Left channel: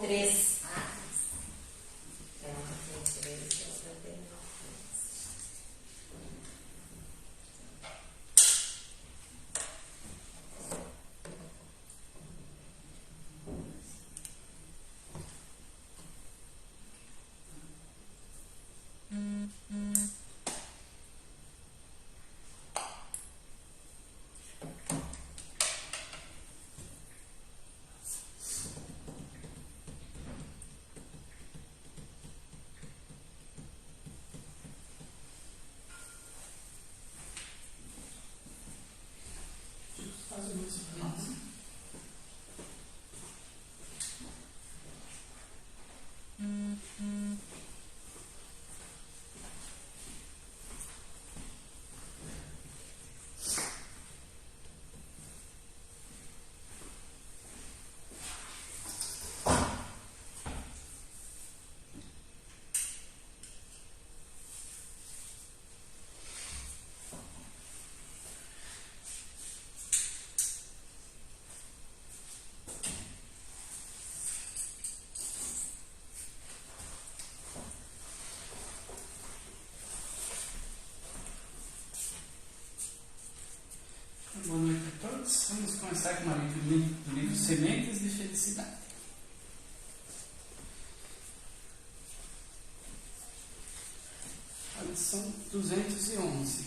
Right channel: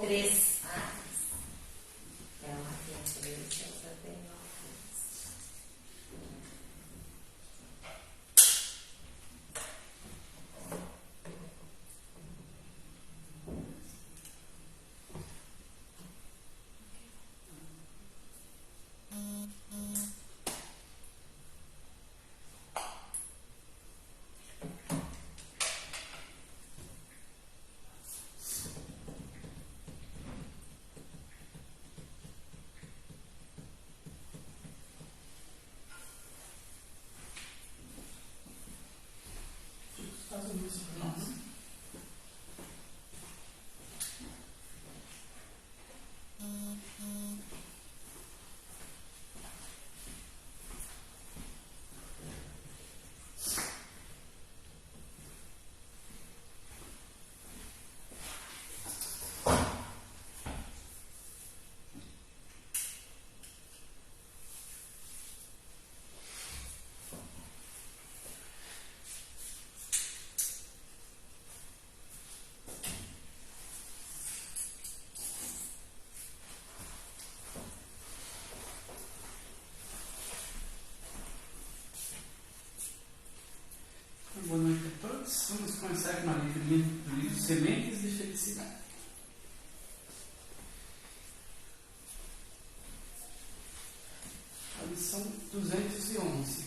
3. É uma tem 3, essa tem uma 3. Boa noite a todos. Vamos começar com a leitura do livro Sementes de Felicidade. A lição 211.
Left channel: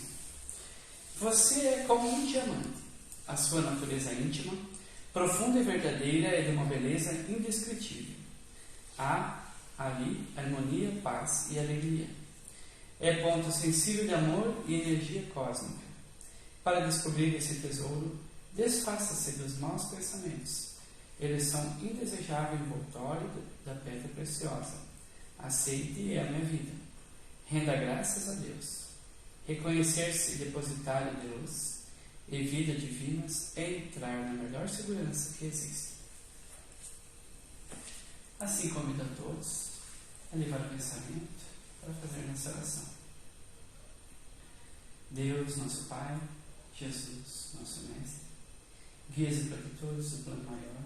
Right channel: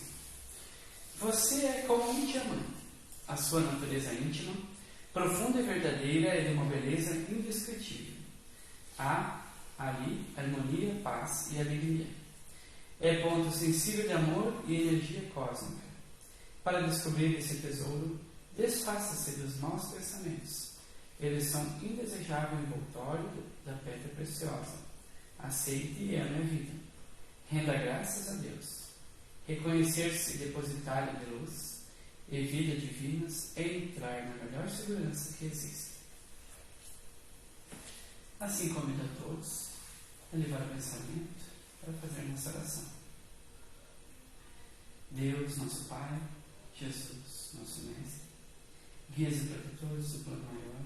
Você é como um diamante. A sua natureza íntima, profunda e verdadeira, é de uma beleza indescritível. Há ali harmonia, paz e alegria. É ponto sensível de amor e energia cósmica. Para descobrir esse tesouro, desfaça-se dos maus pensamentos. Eles são indesejável envoltório da pedra preciosa. Aceite e ame a vida. Renda graças a Deus. Reconhecer-se depositário de luz e vida divinas é entrar na melhor segurança que existe. Assim convido a todos a levar o pensamento para fazer nossa oração. Deus, nosso Pai, Jesus, nosso Mestre, guias e protetores do plano maior,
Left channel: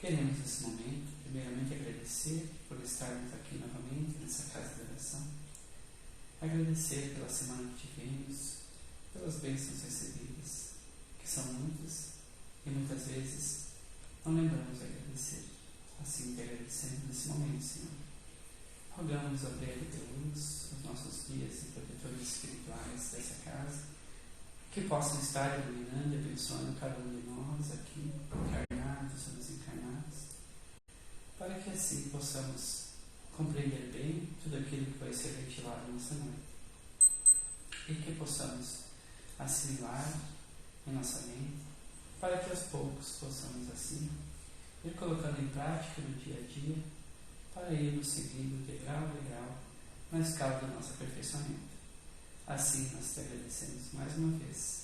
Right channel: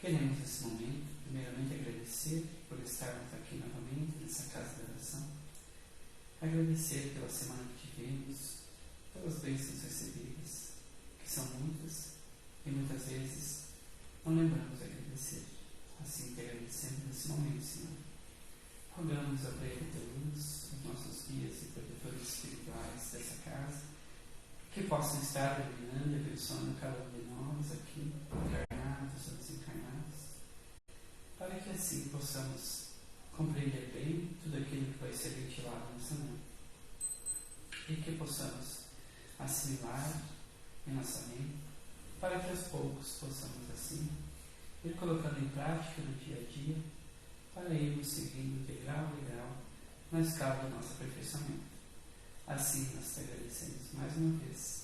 queremos nesse momento, primeiramente, agradecer por estarmos aqui novamente nessa casa de oração, agradecer pela semana que tivemos, pelas bênçãos recebidas, que são muitas e muitas vezes não lembramos de agradecer. Assim que agradecemos nesse momento, Senhor. Rogamos a Deus, os nossos guias e protetores espirituais dessa casa, que possam estar iluminando e abençoando cada um de nós aqui, encarnados ou desencarnados, para que assim possamos compreender bem tudo aquilo que vai ser ventilado nessa noite e que possamos assimilar em nossa mente, para que aos poucos possamos assim ir colocando em prática no dia a dia, para irmos seguindo degrau a degrau na escala do nosso aperfeiçoamento. Assim nós te agradecemos mais uma vez,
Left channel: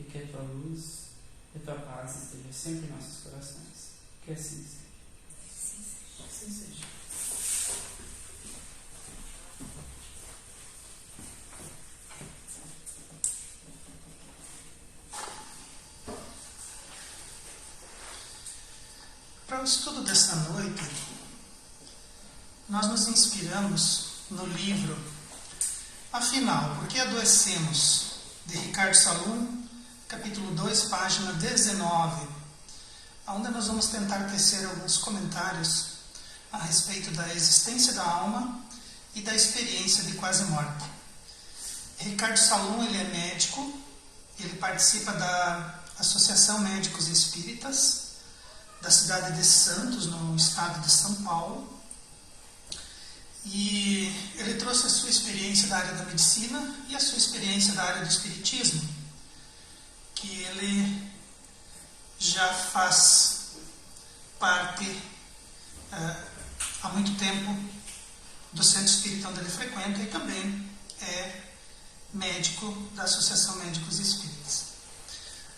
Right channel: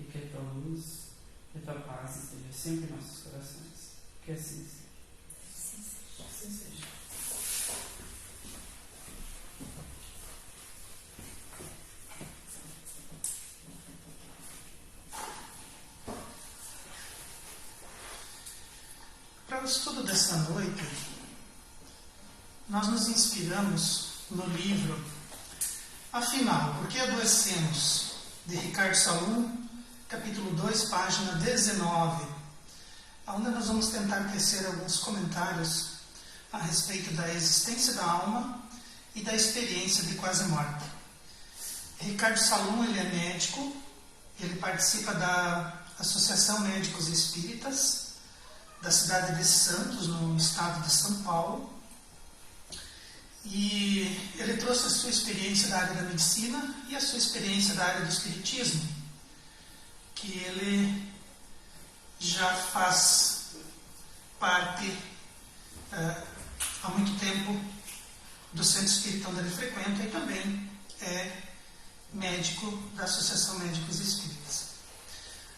e que a tua luz e a tua paz esteja sempre em nossos corações. Que assim seja. Assim seja. Para o estudo desta noite, nós nos inspiramos no livro Afinal, Por que Adoecemos?, de Ricardo Salum, capítulo 2, página 19, onde nós vamos tentar tecer alguns comentários a respeito da existência da alma e da experiência de quase morte. Ricardo Salum, ele é médico, ele participa da Associação Médicos Espíritas da cidade de Santos, no estado de São Paulo, e ele trouxe a sua experiência da área da medicina e a sua experiência da área do espiritismo, que ele já faz parte há muito tempo do centro espírita onde ele frequenta e também é médico da Associação Médicos Espíritas.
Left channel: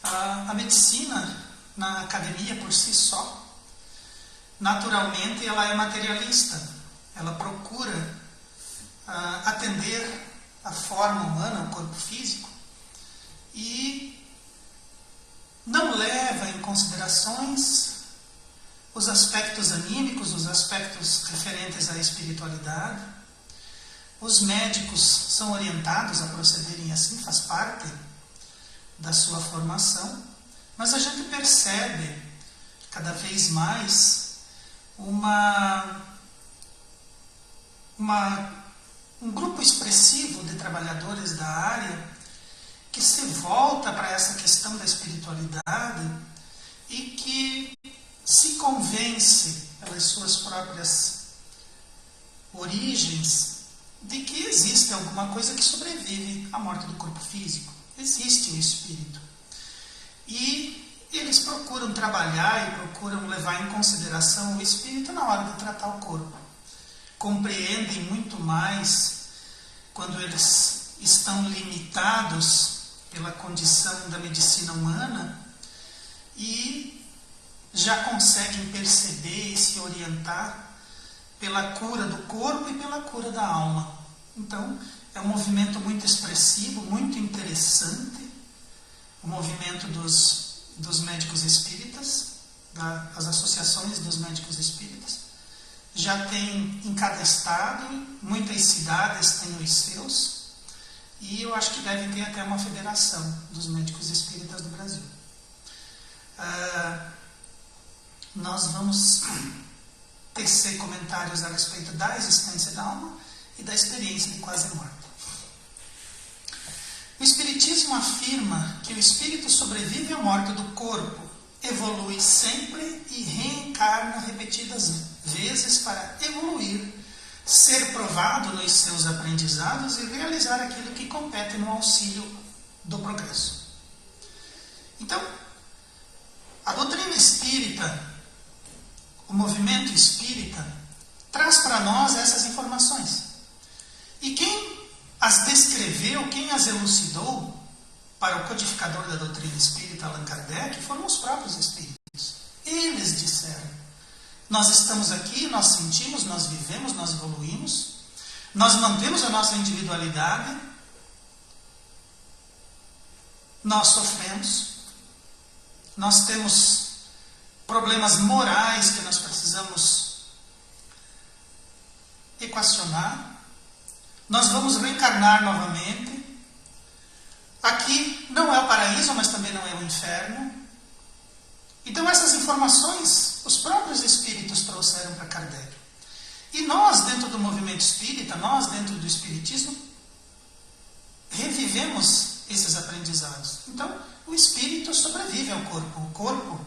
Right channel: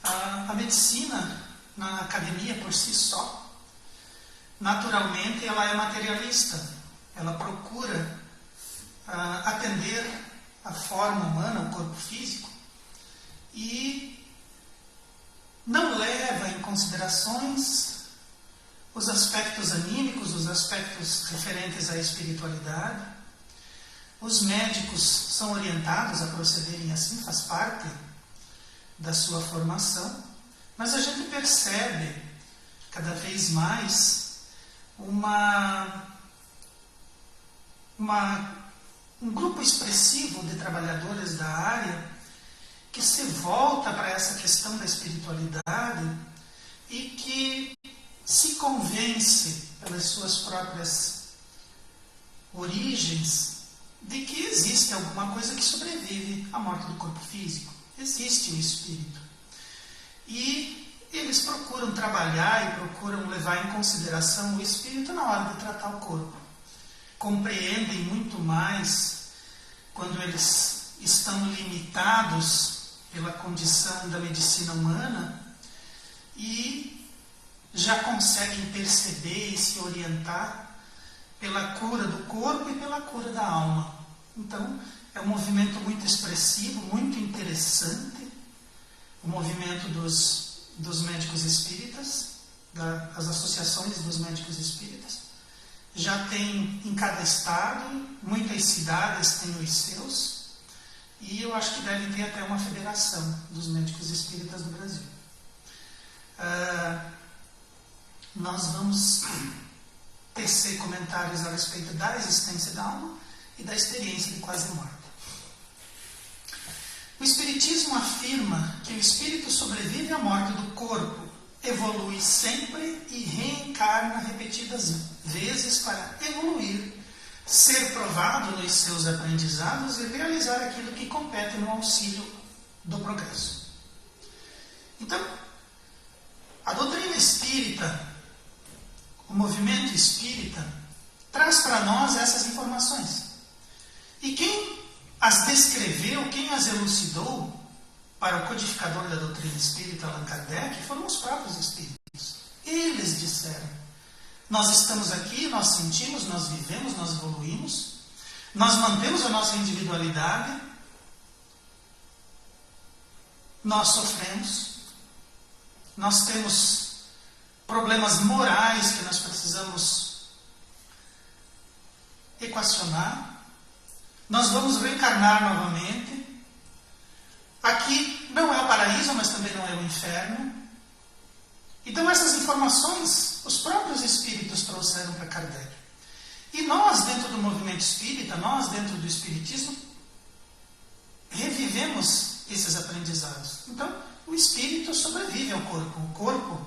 A medicina, na academia por si só, naturalmente ela é materialista. Ela procura atender a forma humana, o corpo físico, e não leva em considerações os aspectos anímicos, os aspectos referentes à espiritualidade. Os médicos são orientados a procederem assim, faz parte da sua formação, mas a gente percebe cada vez mais um grupo expressivo de trabalhadores da área que se volta para essa questão da espiritualidade e que se convence pelas suas próprias origens de que existe alguma coisa que sobrevive à morte do corpo físico. Existe o espírito. E eles procuram trabalhar e procuram levar em consideração o espírito na hora de tratar o corpo. Compreendem muito mais quando eles estão limitados pela condição da medicina humana e já conseguem perceber e se orientar pela cura do corpo e pela cura da alma. Então, é um movimento muito expressivo, muito interessante, o movimento dos médicos espíritas, das associações dos médicos espíritas. Já tem em cada estado, muitas cidades têm os seus, e eu acho que deve ter até uma federação dos médicos espíritas do Brasil. Nós vamos tecer comentários a respeito da existência da alma e da experiência de quase morte. O Espiritismo afirma que o espírito sobrevive à morte do corpo, evolui sempre e reencarna repetidas vezes para evoluir, ser provado nos seus aprendizados e realizar aquilo que compete no auxílio do progresso. Então, a doutrina espírita, o movimento espírita, traz para nós essas informações. E quem as descreveu, quem as elucidou para o codificador da doutrina espírita, Allan Kardec, foram os próprios espíritos. Eles disseram: nós estamos aqui, nós sentimos, nós vivemos, nós evoluímos, nós mantemos a nossa individualidade, nós sofremos, nós temos problemas morais que nós precisamos equacionar, nós vamos reencarnar novamente. Aqui não é o paraíso, mas também não é o inferno. Então essas informações os próprios espíritos trouxeram para Kardec. E nós, dentro do movimento espírita, nós, dentro do espiritismo, revivemos esses aprendizados. Então, o espírito sobrevive ao corpo. O corpo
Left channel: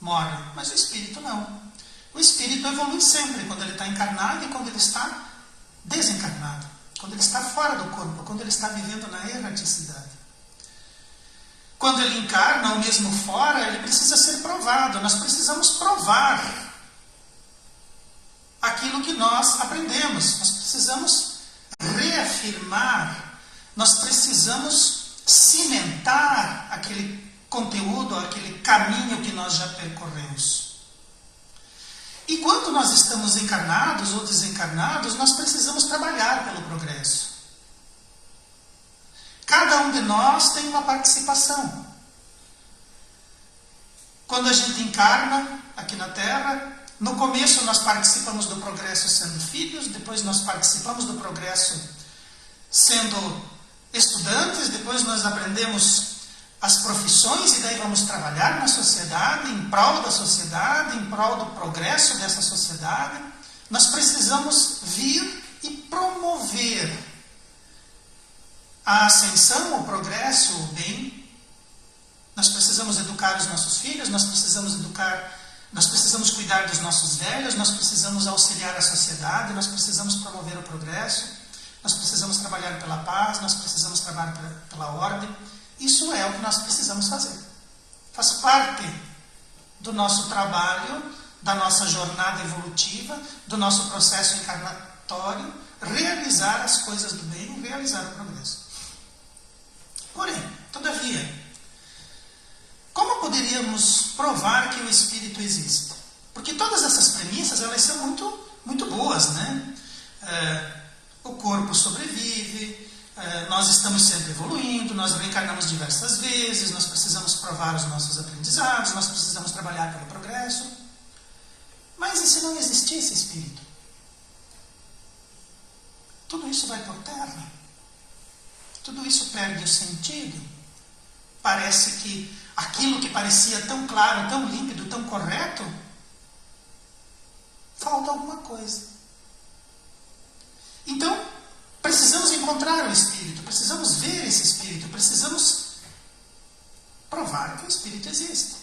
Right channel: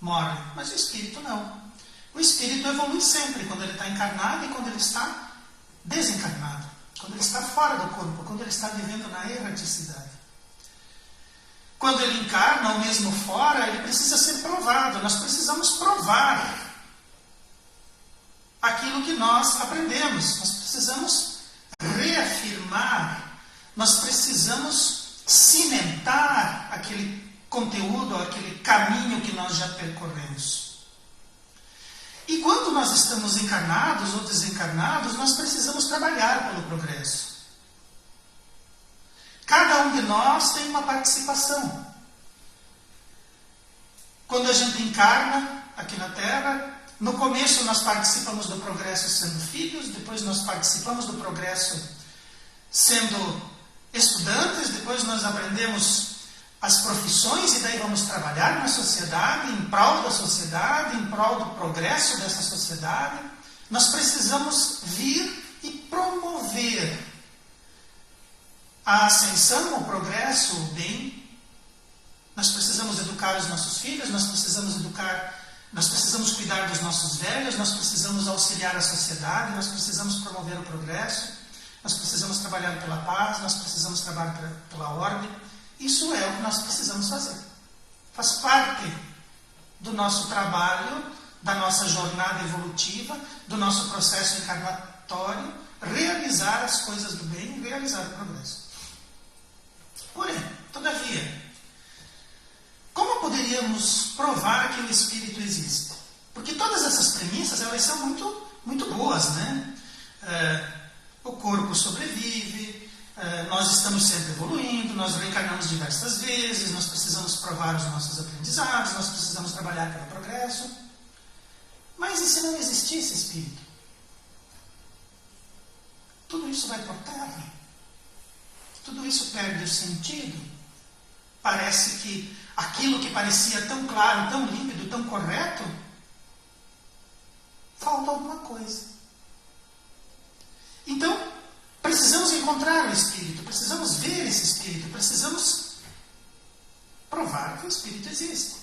morre, mas o espírito não. O espírito evolui sempre, quando ele está encarnado e quando ele está desencarnado. Quando ele está fora do corpo, quando ele está vivendo na erraticidade. Quando ele encarna, ou mesmo fora, ele precisa ser provado. Nós precisamos provar aquilo que nós aprendemos. Nós precisamos reafirmar. Nós precisamos cimentar aquele conteúdo, aquele caminho que nós já percorremos. E quando nós estamos encarnados ou desencarnados, nós precisamos trabalhar pelo progresso. Cada um de nós tem uma participação. Quando a gente encarna aqui na Terra, no começo nós participamos do progresso sendo filhos, depois nós participamos do progresso sendo estudantes, depois nós aprendemos as profissões e daí vamos trabalhar na sociedade, em prol da sociedade, em prol do progresso dessa sociedade. Nós precisamos vir e promover a ascensão, o progresso, o bem. Nós precisamos educar os nossos filhos, nós precisamos cuidar dos nossos velhos, nós precisamos auxiliar a sociedade, nós precisamos promover o progresso, nós precisamos trabalhar pela paz, nós precisamos trabalhar pela ordem. Isso é o que nós precisamos fazer. Faz parte do nosso trabalho, da nossa jornada evolutiva, do nosso processo encarnatório, realizar as coisas do bem e realizar o progresso. Porém, todavia, como poderíamos provar que o Espírito existe? Porque todas essas premissas, elas são muito, muito boas, né? O corpo sobrevive, nós estamos sempre evoluindo, nós reencarnamos diversas vezes, nós precisamos provar os nossos aprendizados, nós precisamos trabalhar pelo progresso. e se não existisse espírito? Tudo isso vai por terra. Tudo isso perde o sentido. Parece que aquilo que parecia tão claro, tão límpido, tão correto, falta alguma coisa. Então, precisamos encontrar o Espírito, precisamos ver esse Espírito, precisamos provar que o Espírito existe.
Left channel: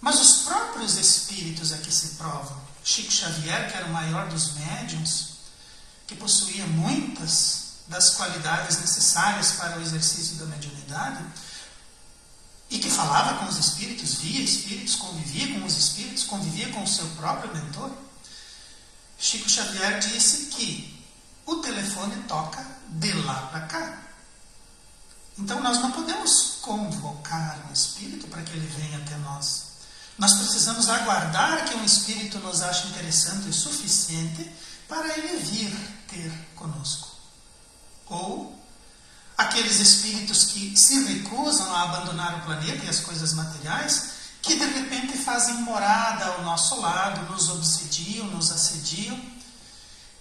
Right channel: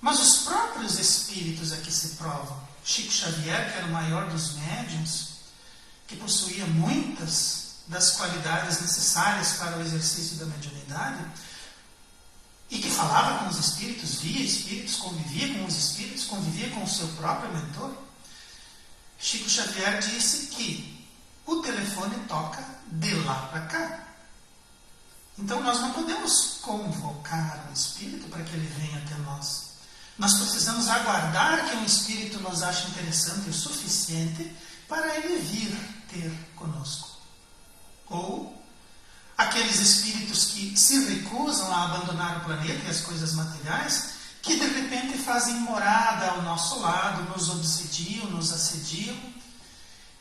Mas os próprios Espíritos é que se provam. Chico Xavier, que era o maior dos médiuns, que possuía muitas das qualidades necessárias para o exercício da mediunidade, e que falava com os espíritos, via espíritos, convivia com os espíritos, convivia com o seu próprio mentor, Chico Xavier disse que o telefone toca de lá para cá. Então nós não podemos convocar um espírito para que ele venha até nós. Nós precisamos aguardar que um espírito nos ache interessante o suficiente para ele vir ter conosco. Ou aqueles espíritos que se recusam a abandonar o planeta e as coisas materiais, que de repente fazem morada ao nosso lado, nos obsediam, nos assediam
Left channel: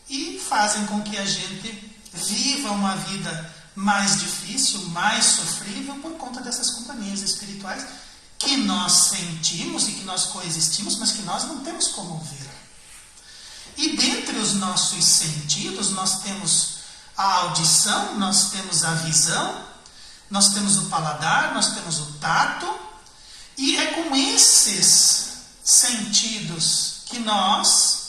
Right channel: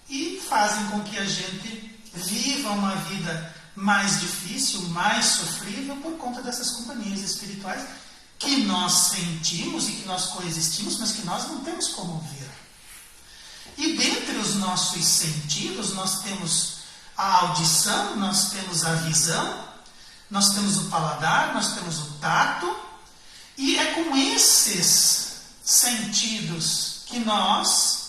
e fazem com que a gente viva uma vida mais difícil, mais sofrível por conta dessas companhias espirituais que nós sentimos e que nós coexistimos, mas que nós não temos como ver. E dentre os nossos sentidos nós temos a audição, nós temos a visão, nós temos o paladar, nós temos o tato, e é com esses sentidos que nós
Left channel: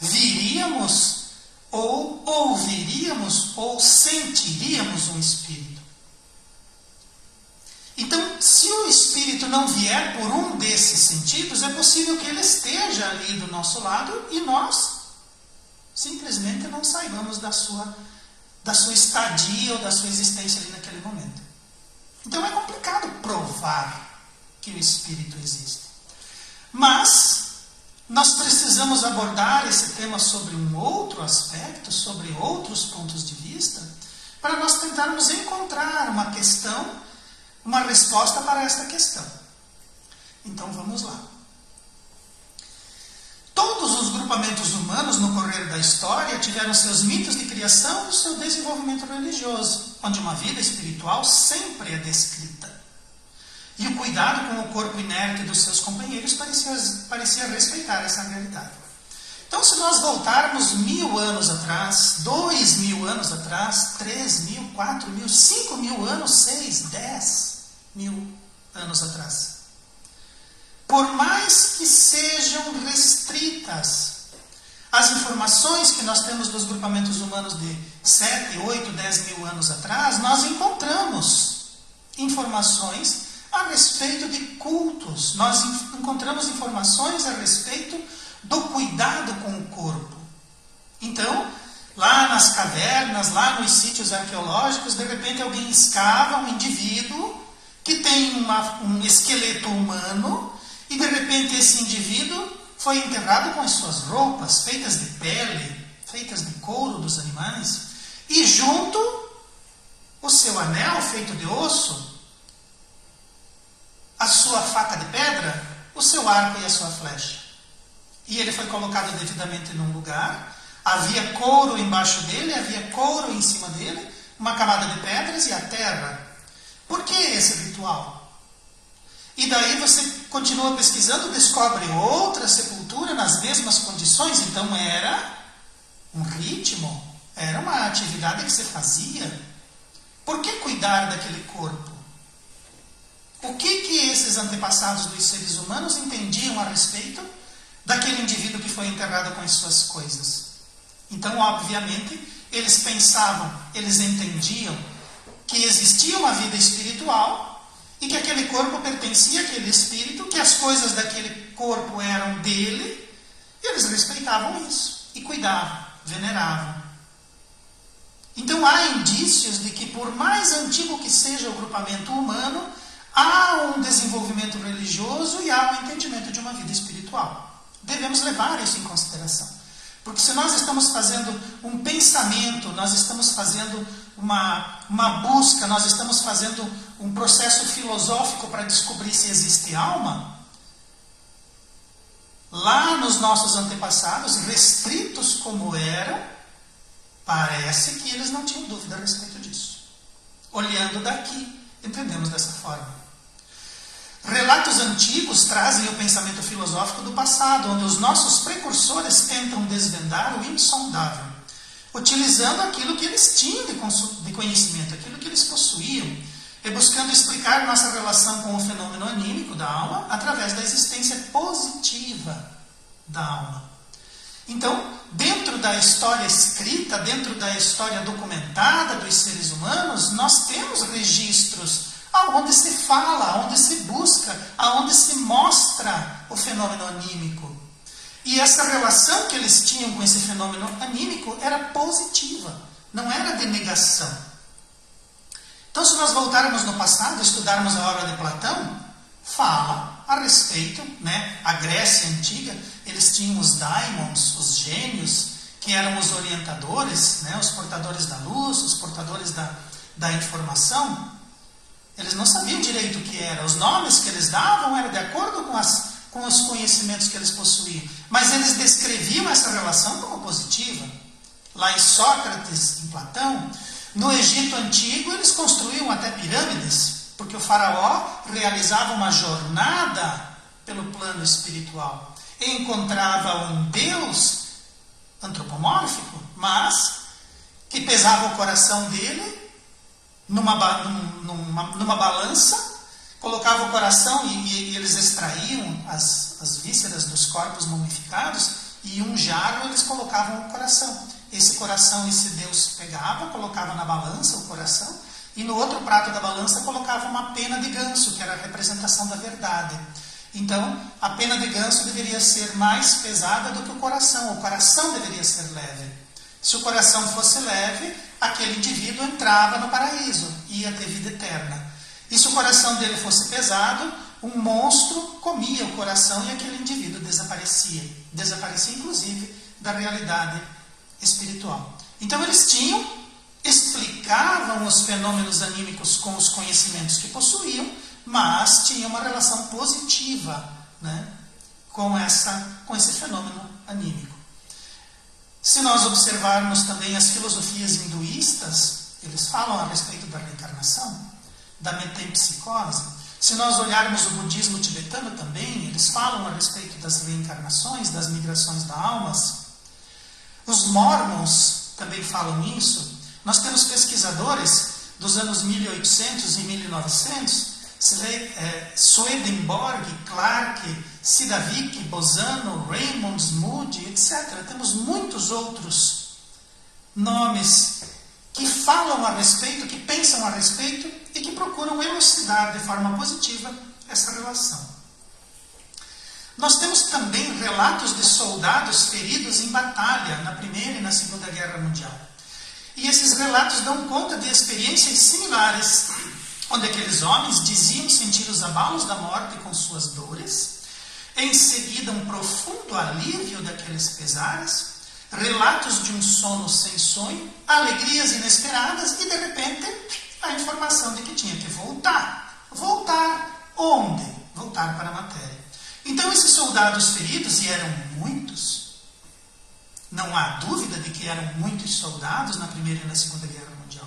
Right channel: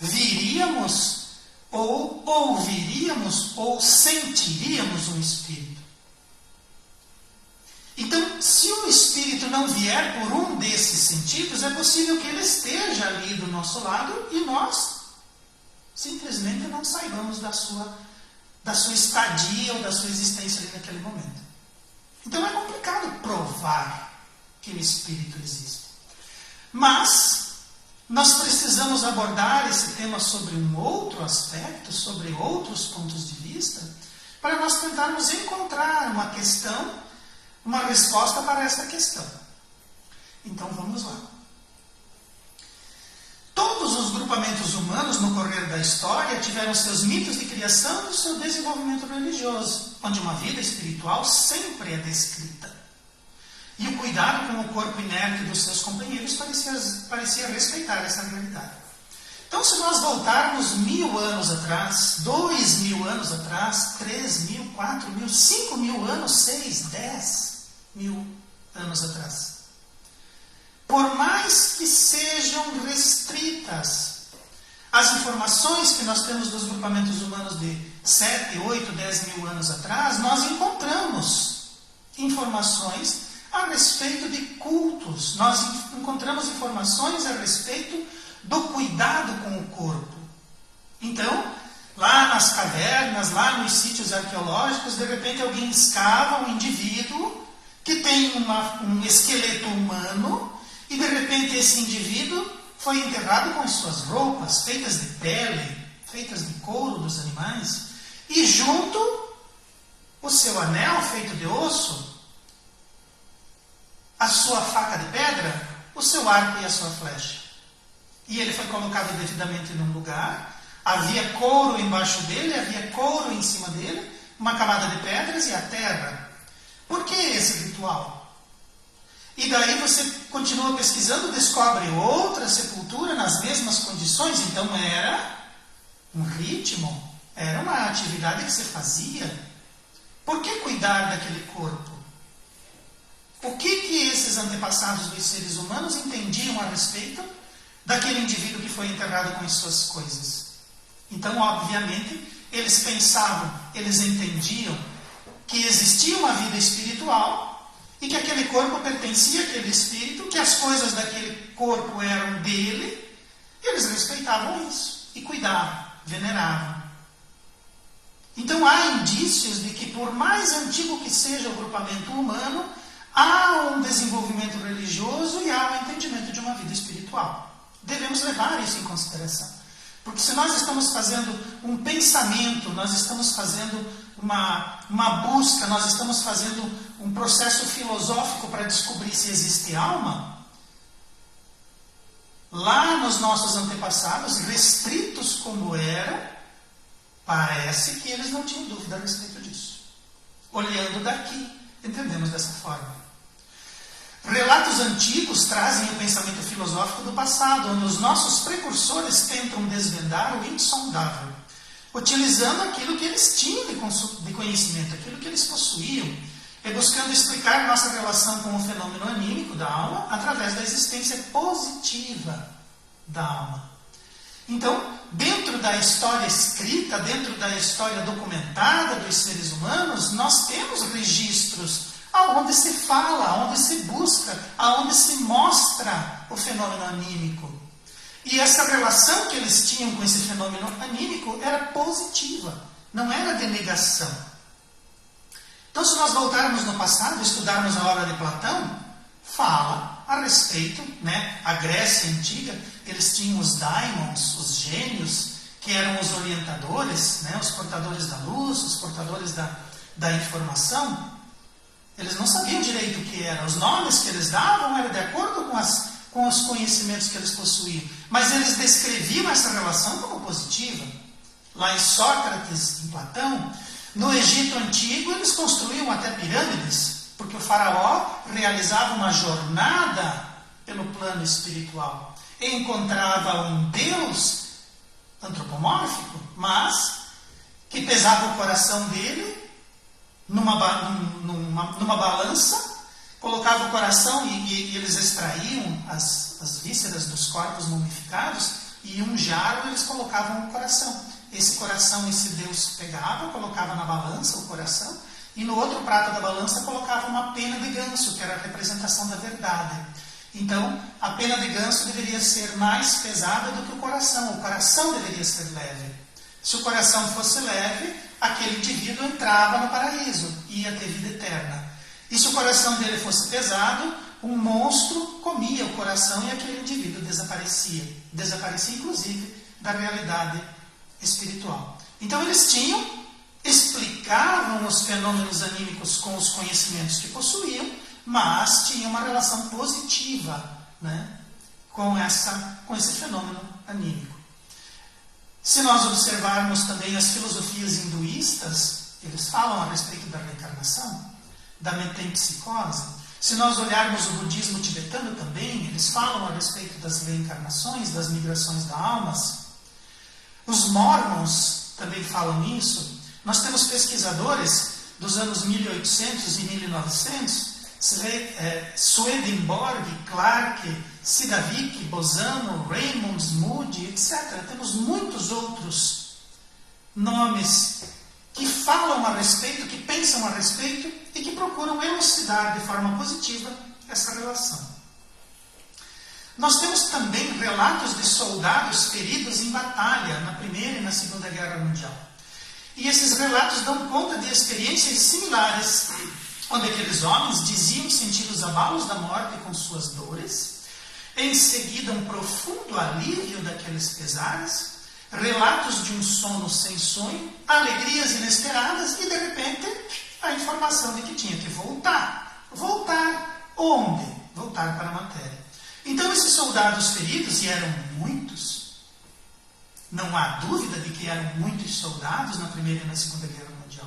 viríamos, ou ouviríamos, ou sentiríamos um espírito. Então, se o espírito não vier por um desses sentidos, é possível que ele esteja ali do nosso lado e nós simplesmente não saibamos da sua estadia ou da sua existência ali naquele momento. Então é complicado provar que o Espírito existe. Mas nós precisamos abordar esse tema sobre um outro aspecto, sobre outros pontos de vista, para nós tentarmos encontrar uma questão, uma resposta para essa questão. Então vamos lá. Todos os grupamentos humanos no correr da história tiveram seus mitos de criação e seu desenvolvimento religioso, onde uma vida espiritual sempre é descrita. E o cuidado com o corpo inerte dos seus companheiros parecia respeitar essa realidade. Então, se nós voltarmos 1000 anos atrás, 2000 anos atrás, 3000, 4000, 5000 anos, 6, 10.000 anos atrás, por mais que sejam restritas as informações que nós temos dos grupamentos humanos de 7, 8, 10 mil anos atrás, nós encontramos informações a respeito de cultos, nós encontramos informações a respeito do cuidado com o corpo. Então, lá nas cavernas, lá nos sítios arqueológicos, de repente alguém escava um indivíduo que tem um esqueleto humano, e de repente esse indivíduo foi enterrado com as suas roupas, feitas de pele, feitas de couro dos animais, e junto o seu anel feito de osso, a sua faca de pedra, o seu arco e a sua flecha. E ele foi colocado devidamente num lugar, havia couro embaixo dele, havia couro em cima dele, uma camada de pedras e a terra. Por que esse ritual? E daí você continua pesquisando, descobre outra sepultura nas mesmas condições. Então era um ritmo, era uma atividade que se fazia. Por que cuidar daquele corpo? O que esses antepassados dos seres humanos entendiam a respeito daquele indivíduo que foi enterrado com as suas coisas? Então, obviamente, eles pensavam, eles entendiam que existia uma vida espiritual e que aquele corpo pertencia àquele espírito, que as coisas daquele corpo eram dele, e eles respeitavam isso e cuidavam, veneravam. Então há indícios de que, por mais antigo que seja o grupamento humano, há um desenvolvimento religioso e há um entendimento de uma vida espiritual. Devemos levar isso em consideração. Porque se nós estamos fazendo um pensamento, nós estamos fazendo uma busca, nós estamos fazendo um processo filosófico para descobrir se existe alma, nos nossos antepassados, restritos como era, parece que eles não tinham dúvida a respeito disso. Olhando daqui, entendemos dessa forma. Relatos antigos trazem o pensamento filosófico do passado, onde os nossos precursores tentam desvendar o insondável, utilizando aquilo que eles tinham de conhecimento, aquilo que eles possuíam, e buscando explicar nossa relação com o fenômeno anímico da alma através da existência positiva da alma. Então, dentro da história escrita, dentro da história documentada dos seres humanos, nós temos registros aonde se fala, aonde se busca, aonde se mostra o fenômeno anímico. E essa relação que eles tinham com esse fenômeno anímico era positiva, não era de negação. Então, se nós voltarmos no passado, estudarmos a obra de Platão, fala a respeito, a Grécia Antiga, eles tinham os daimons, os gênios, que eram os orientadores, os portadores da luz, os portadores da informação. Eles não sabiam direito o que era. Os nomes que eles davam eram de acordo com os conhecimentos que eles possuíam. Mas eles descreviam essa relação como positiva. Lá em Sócrates, em Platão, no Egito Antigo, eles construíam até pirâmides, porque o faraó realizava uma jornada pelo plano espiritual. E encontrava um Deus antropomórfico, mas que pesava o coração dele numa balança, colocava o coração e eles extraíam as vísceras dos corpos mumificados e em um jarro eles colocavam o coração. Esse coração, esse Deus pegava, colocava na balança o coração e no outro prato da balança colocava uma pena de ganso, que era a representação da verdade. Então, a pena de ganso deveria ser mais pesada do que o coração deveria ser leve. Se o coração fosse leve, aquele indivíduo entrava no paraíso, ia ter vida eterna. E se o coração dele fosse pesado, um monstro comia o coração e aquele indivíduo desaparecia. Desaparecia, inclusive, da realidade espiritual. Então, eles explicavam os fenômenos anímicos com os conhecimentos que possuíam, mas tinham uma relação positiva com esse fenômeno anímico. Se nós observarmos também as filosofias hinduístas, eles falam a respeito da reencarnação, da metempsicose. Se nós olharmos o budismo tibetano também, eles falam a respeito das reencarnações, das migrações das almas. Os mormons também falam isso. Nós temos pesquisadores dos anos 1800 e 1900, Swedenborg, Clarke, Sidavik, Bosano, Raymond, Moody, etc. Temos muitos outros nomes que falam a respeito, que pensam a respeito e que procuram elucidar de forma positiva essa relação. Nós temos também relatos de soldados feridos em batalha na Primeira e na Segunda Guerra Mundial. E esses relatos dão conta de experiências similares, onde aqueles homens diziam sentir os abalos da morte com suas dores, em seguida um profundo alívio daqueles pesares, relatos de um sono sem sonho, alegrias inesperadas e, de repente, a informação de que tinha que voltar. Voltar onde? Voltar para a matéria. Então, esses soldados feridos, e eram muitos, não há dúvida de que eram muitos soldados na Primeira e na Segunda Guerra Mundial.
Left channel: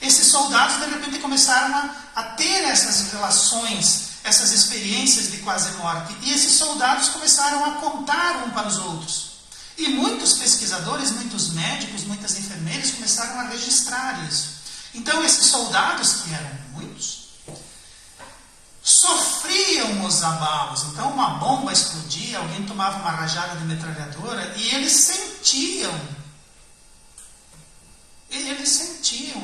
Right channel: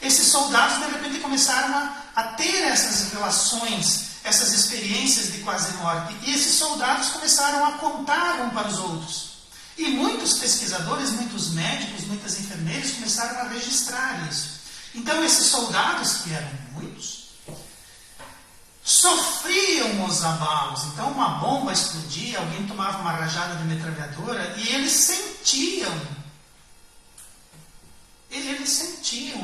Esses soldados, de repente, começaram a ter essas relações, essas experiências de quase morte. E esses soldados começaram a contar um para os outros. E muitos pesquisadores, muitos médicos, muitas enfermeiras começaram a registrar isso. Então, esses soldados, que eram muitos, sofriam os abalos. Então, uma bomba explodia, alguém tomava uma rajada de metralhadora e eles sentiam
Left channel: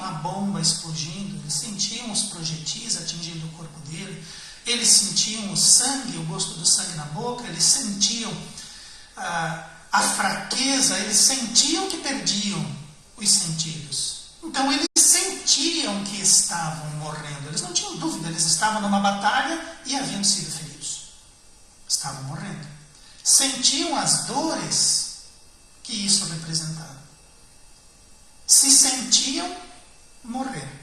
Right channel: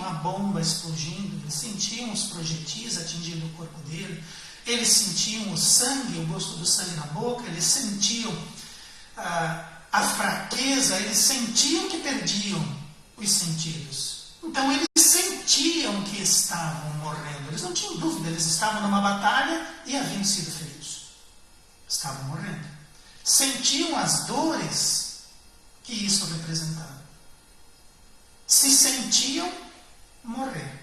a bomba explodindo, eles sentiam os projetis atingindo o corpo dele, eles sentiam o sangue, o gosto do sangue na boca, eles sentiam a fraqueza, eles sentiam que perdiam os sentidos. Então, eles sentiam que estavam morrendo. Eles não tinham dúvida, eles estavam numa batalha e haviam sido feridos. Estavam morrendo. Sentiam as dores que isso representava. Se sentiam morrer.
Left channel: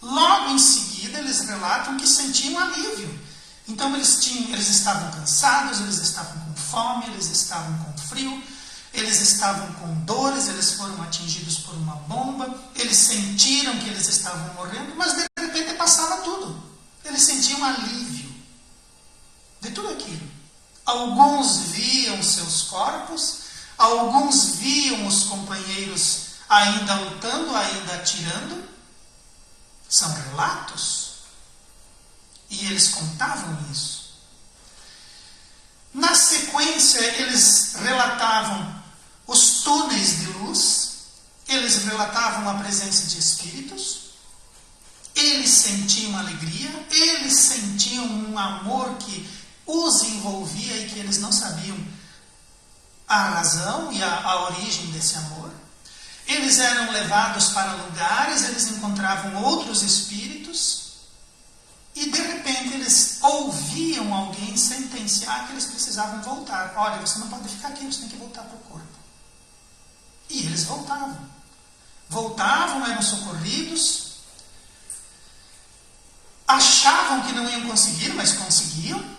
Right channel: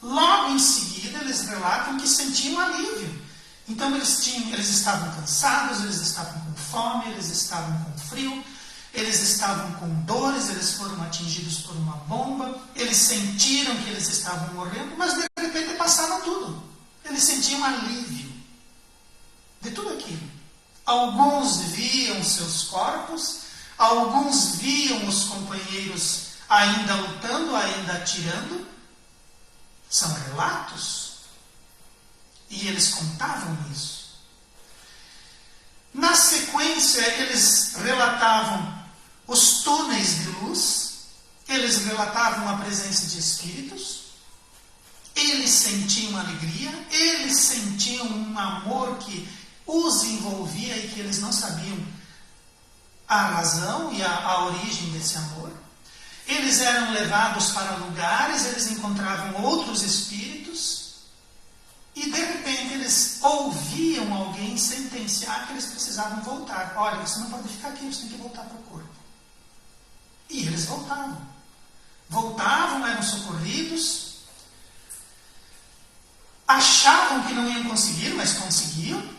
Logo em seguida, eles relatam que sentiam alívio. Então eles estavam cansados, eles estavam com fome, eles estavam com frio, eles estavam com dores, eles foram atingidos por uma bomba, eles sentiram que eles estavam morrendo, mas de repente passava tudo. Eles sentiam alívio de tudo aquilo. Alguns viam seus corpos, alguns viam os companheiros ainda lutando, ainda atirando. São relatos. E eles contavam isso. Na sequência, eles relatavam os túneis de luz, eles relatavam a presença de espíritos, eles sentiam alegria, eles sentiam um amor que os envolvia e que eles não sabiam a razão e a origem desse amor. Eles eram levados para lugares, eles encontravam outros espíritos e de repente eles ouviam alguém sentenciar que eles precisavam voltar. Olha, você não pode ficar aqui, você tem que voltar para o corpo. E eles voltavam. Voltavam, eram socorridos, achavam que não iam conseguir, mas conseguiam.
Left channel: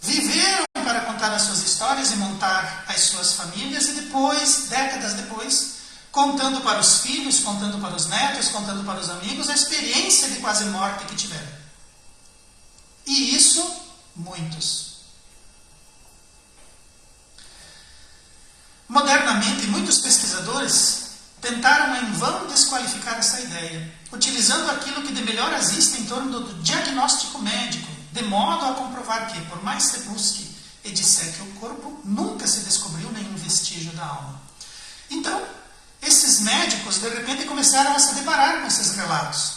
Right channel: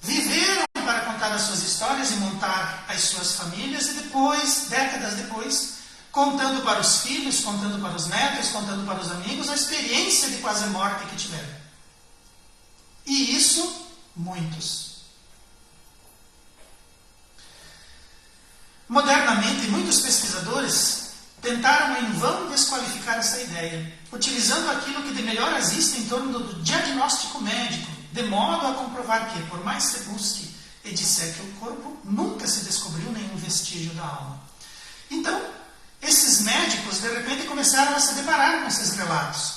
Viveram para contar as suas histórias e montar as suas famílias e depois, décadas depois, contando para os filhos, contando para os netos, contando para os amigos a experiência de quase morte que tiveram. E isso, muitos. Modernamente, muitos pesquisadores tentaram em vão desqualificar essa ideia, utilizando aquilo que de melhor existe em torno do diagnóstico médico, de modo a comprovar que, por mais se busque e disseque o corpo, nunca se descobriu nenhum vestígio da alma. Então, esses médicos, de repente, começaram a se deparar com esses relatos.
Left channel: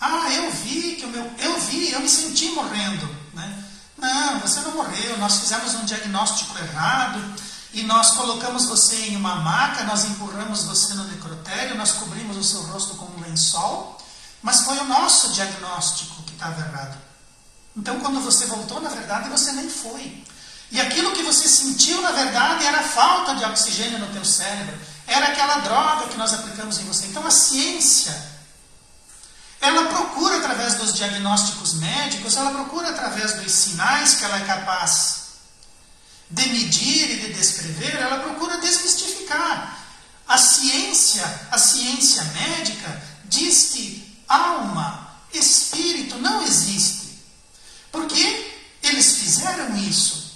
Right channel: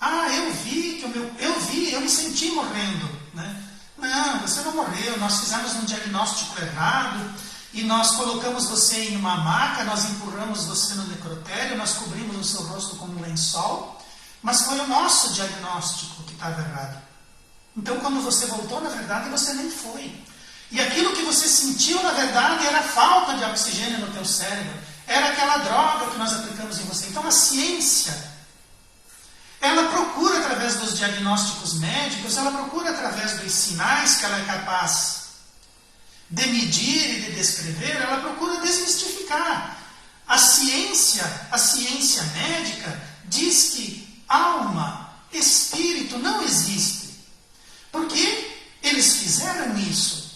Ah, eu me senti morrendo. Né? Não, você não morreu, nós fizemos um diagnóstico errado e nós colocamos você em uma maca, nós empurramos você no necrotério, nós cobrimos o seu rosto com um lençol, mas foi o nosso diagnóstico que estava errado. Então, quando você voltou, na verdade, você nem foi. E aquilo que você sentiu, na verdade, era a falta de oxigênio no teu cérebro. Era aquela droga que nós aplicamos em você. Então, a ciência, ela procura, através dos diagnósticos médicos, ela procura, através dos sinais que ela é capaz de medir e de descrever, ela procura desmistificar. A ciência médica, diz que alma, espírito não existe. Porque eles fizeram isso.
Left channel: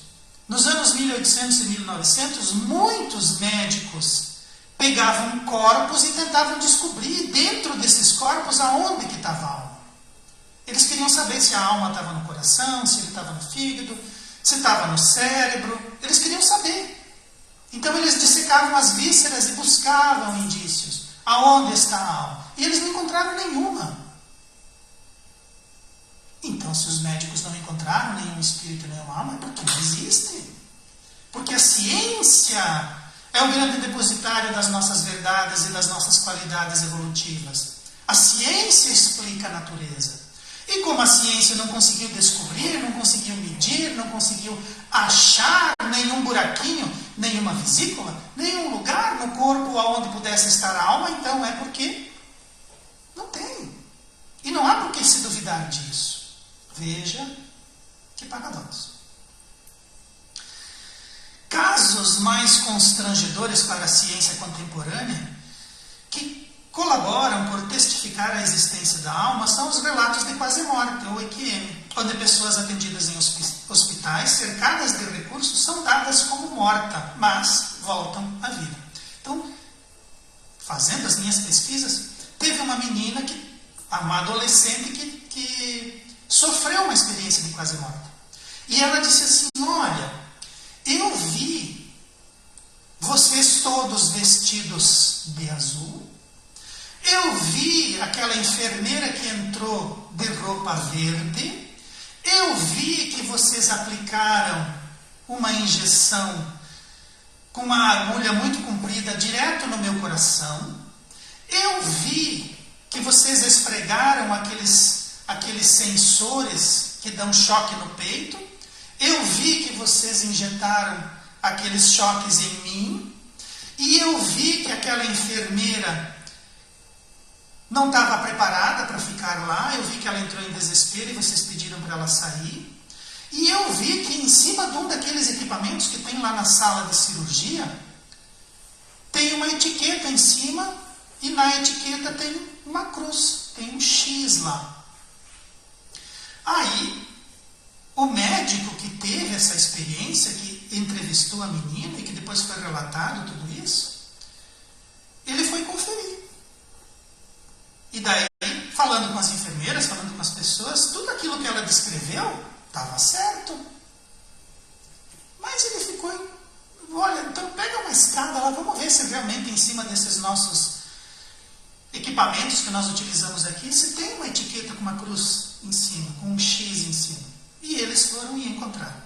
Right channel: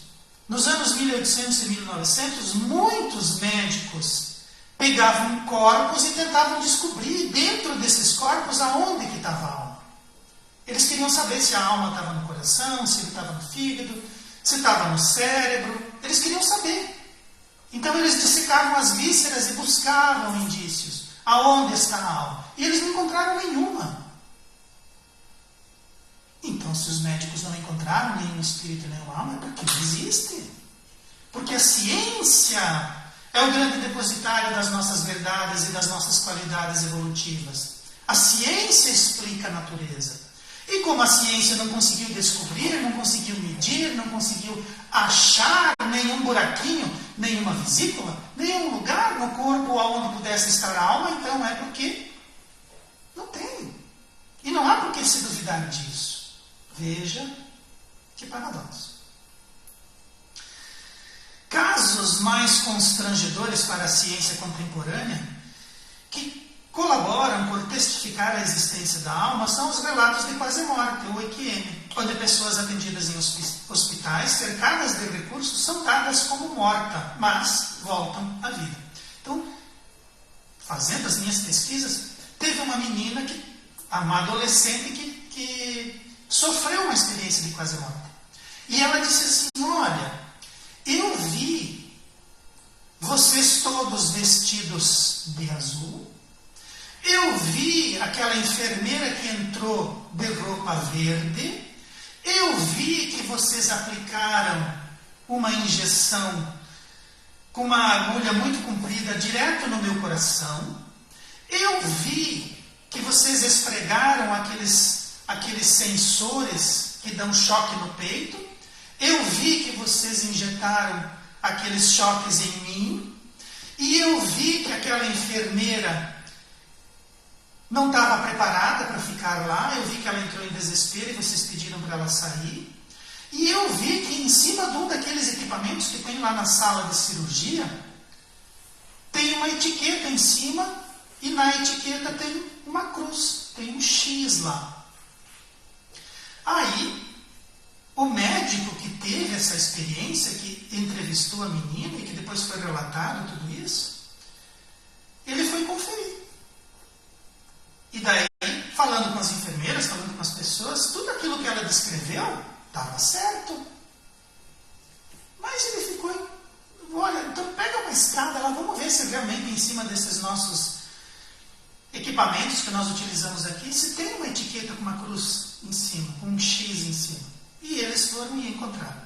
Nos anos 1800 e 1900, muitos médicos pegavam corpos e tentavam descobrir dentro desses corpos aonde que estava a alma. Eles queriam saber se a alma estava no coração, se estava no fígado, se estava no cérebro. Eles queriam saber. Então eles dissecavam as vísceras e buscavam indícios. Aonde está a alma? E eles não encontraram nenhuma. Então, se os médicos não encontraram nenhum espírito, nenhuma alma, é porque não existe. Porque a ciência é o grande depositário das nossas verdades e das nossas qualidades evolutivas. A ciência explica a natureza. E como a ciência não conseguiu descobrir, não conseguiu medir, não conseguiu achar nenhum buraquinho, nenhuma vesícula, nenhum lugar no corpo onde pudesse estar a alma, então é porque não tem. E não há por que se duvidar disso. Veja que paradoxo. Casos mais constrangedores para a ciência contemporânea, que colaboram por testificar a existência da alma, são os relatos de quase morte, ou EQM, onde pessoas atendidas em hospitais, cercadas de recursos, são dadas como morta, mas voltam à vida. Então, fazendo as minhas pesquisas, teve uma menina, uma adolescente, que sofreu uma experiência de quase morte. E ela disse assim, olha, eu vi vocês todos vestidos de azul, eu vi aquela enfermeira que entrou de roupa verde, eu vi que vocês aplicaram uma injeção com uma agulha muito comprida direto no meu coração, eu vi que vocês esfregaram aqueles sensores que dão choque no peito, eu vi que vocês injetaram aqueles choques em mim, e eu vi que aquela enfermeira não estava preparada para ficar lá. Eu vi que ela entrou em desespero e vocês pediram para ela sair. E eu vi que em cima de um daqueles equipamentos que tem lá na sala de cirurgia, tem uma etiqueta em cima e na etiqueta tem uma cruz, tem um X lá. Aí, o médico que teve essa experiência, que entrevistou a menina e que depois foi relatado tudo isso, ele foi conferir. E daí, falando com as enfermeiras, falando com as pessoas, tudo aquilo que ela descreveu estava certo. Mas ele ficou, olha, então pega uma escada lá, vamos ver se realmente em cima desses nossos equipamentos que nós utilizamos aqui, se tem uma etiqueta com uma cruz em cima, com um X em cima. E eles foram e encontraram.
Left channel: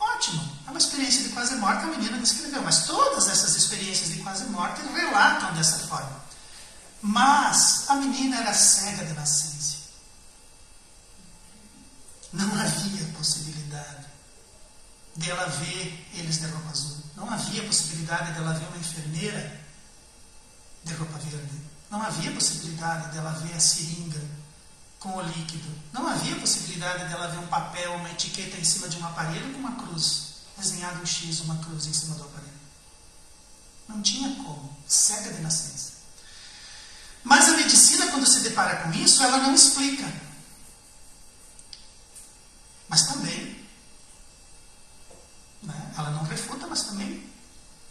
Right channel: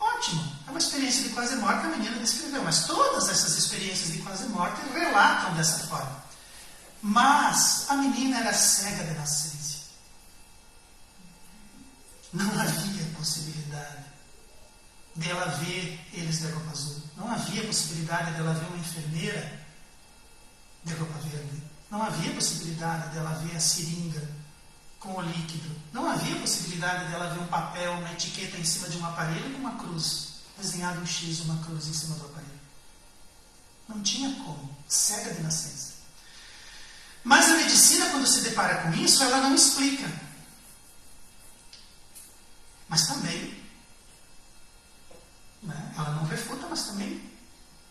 Ótimo, é uma experiência de quase morte, a menina descreveu, mas todas essas experiências de quase morte relatam dessa forma. Mas a menina era cega de nascença. Não havia possibilidade dela ver eles de roupa azul. Não havia possibilidade dela ver uma enfermeira de roupa verde. Não havia possibilidade dela ver a seringa com o líquido. Não havia possibilidade dela ver um papel, uma etiqueta em cima de um aparelho com uma cruz, desenhado um X, uma cruz em cima do aparelho. Não tinha como. Cega de nascença. Mas a medicina, quando se depara com isso, ela não explica. Mas também, né, ela não refuta, mas também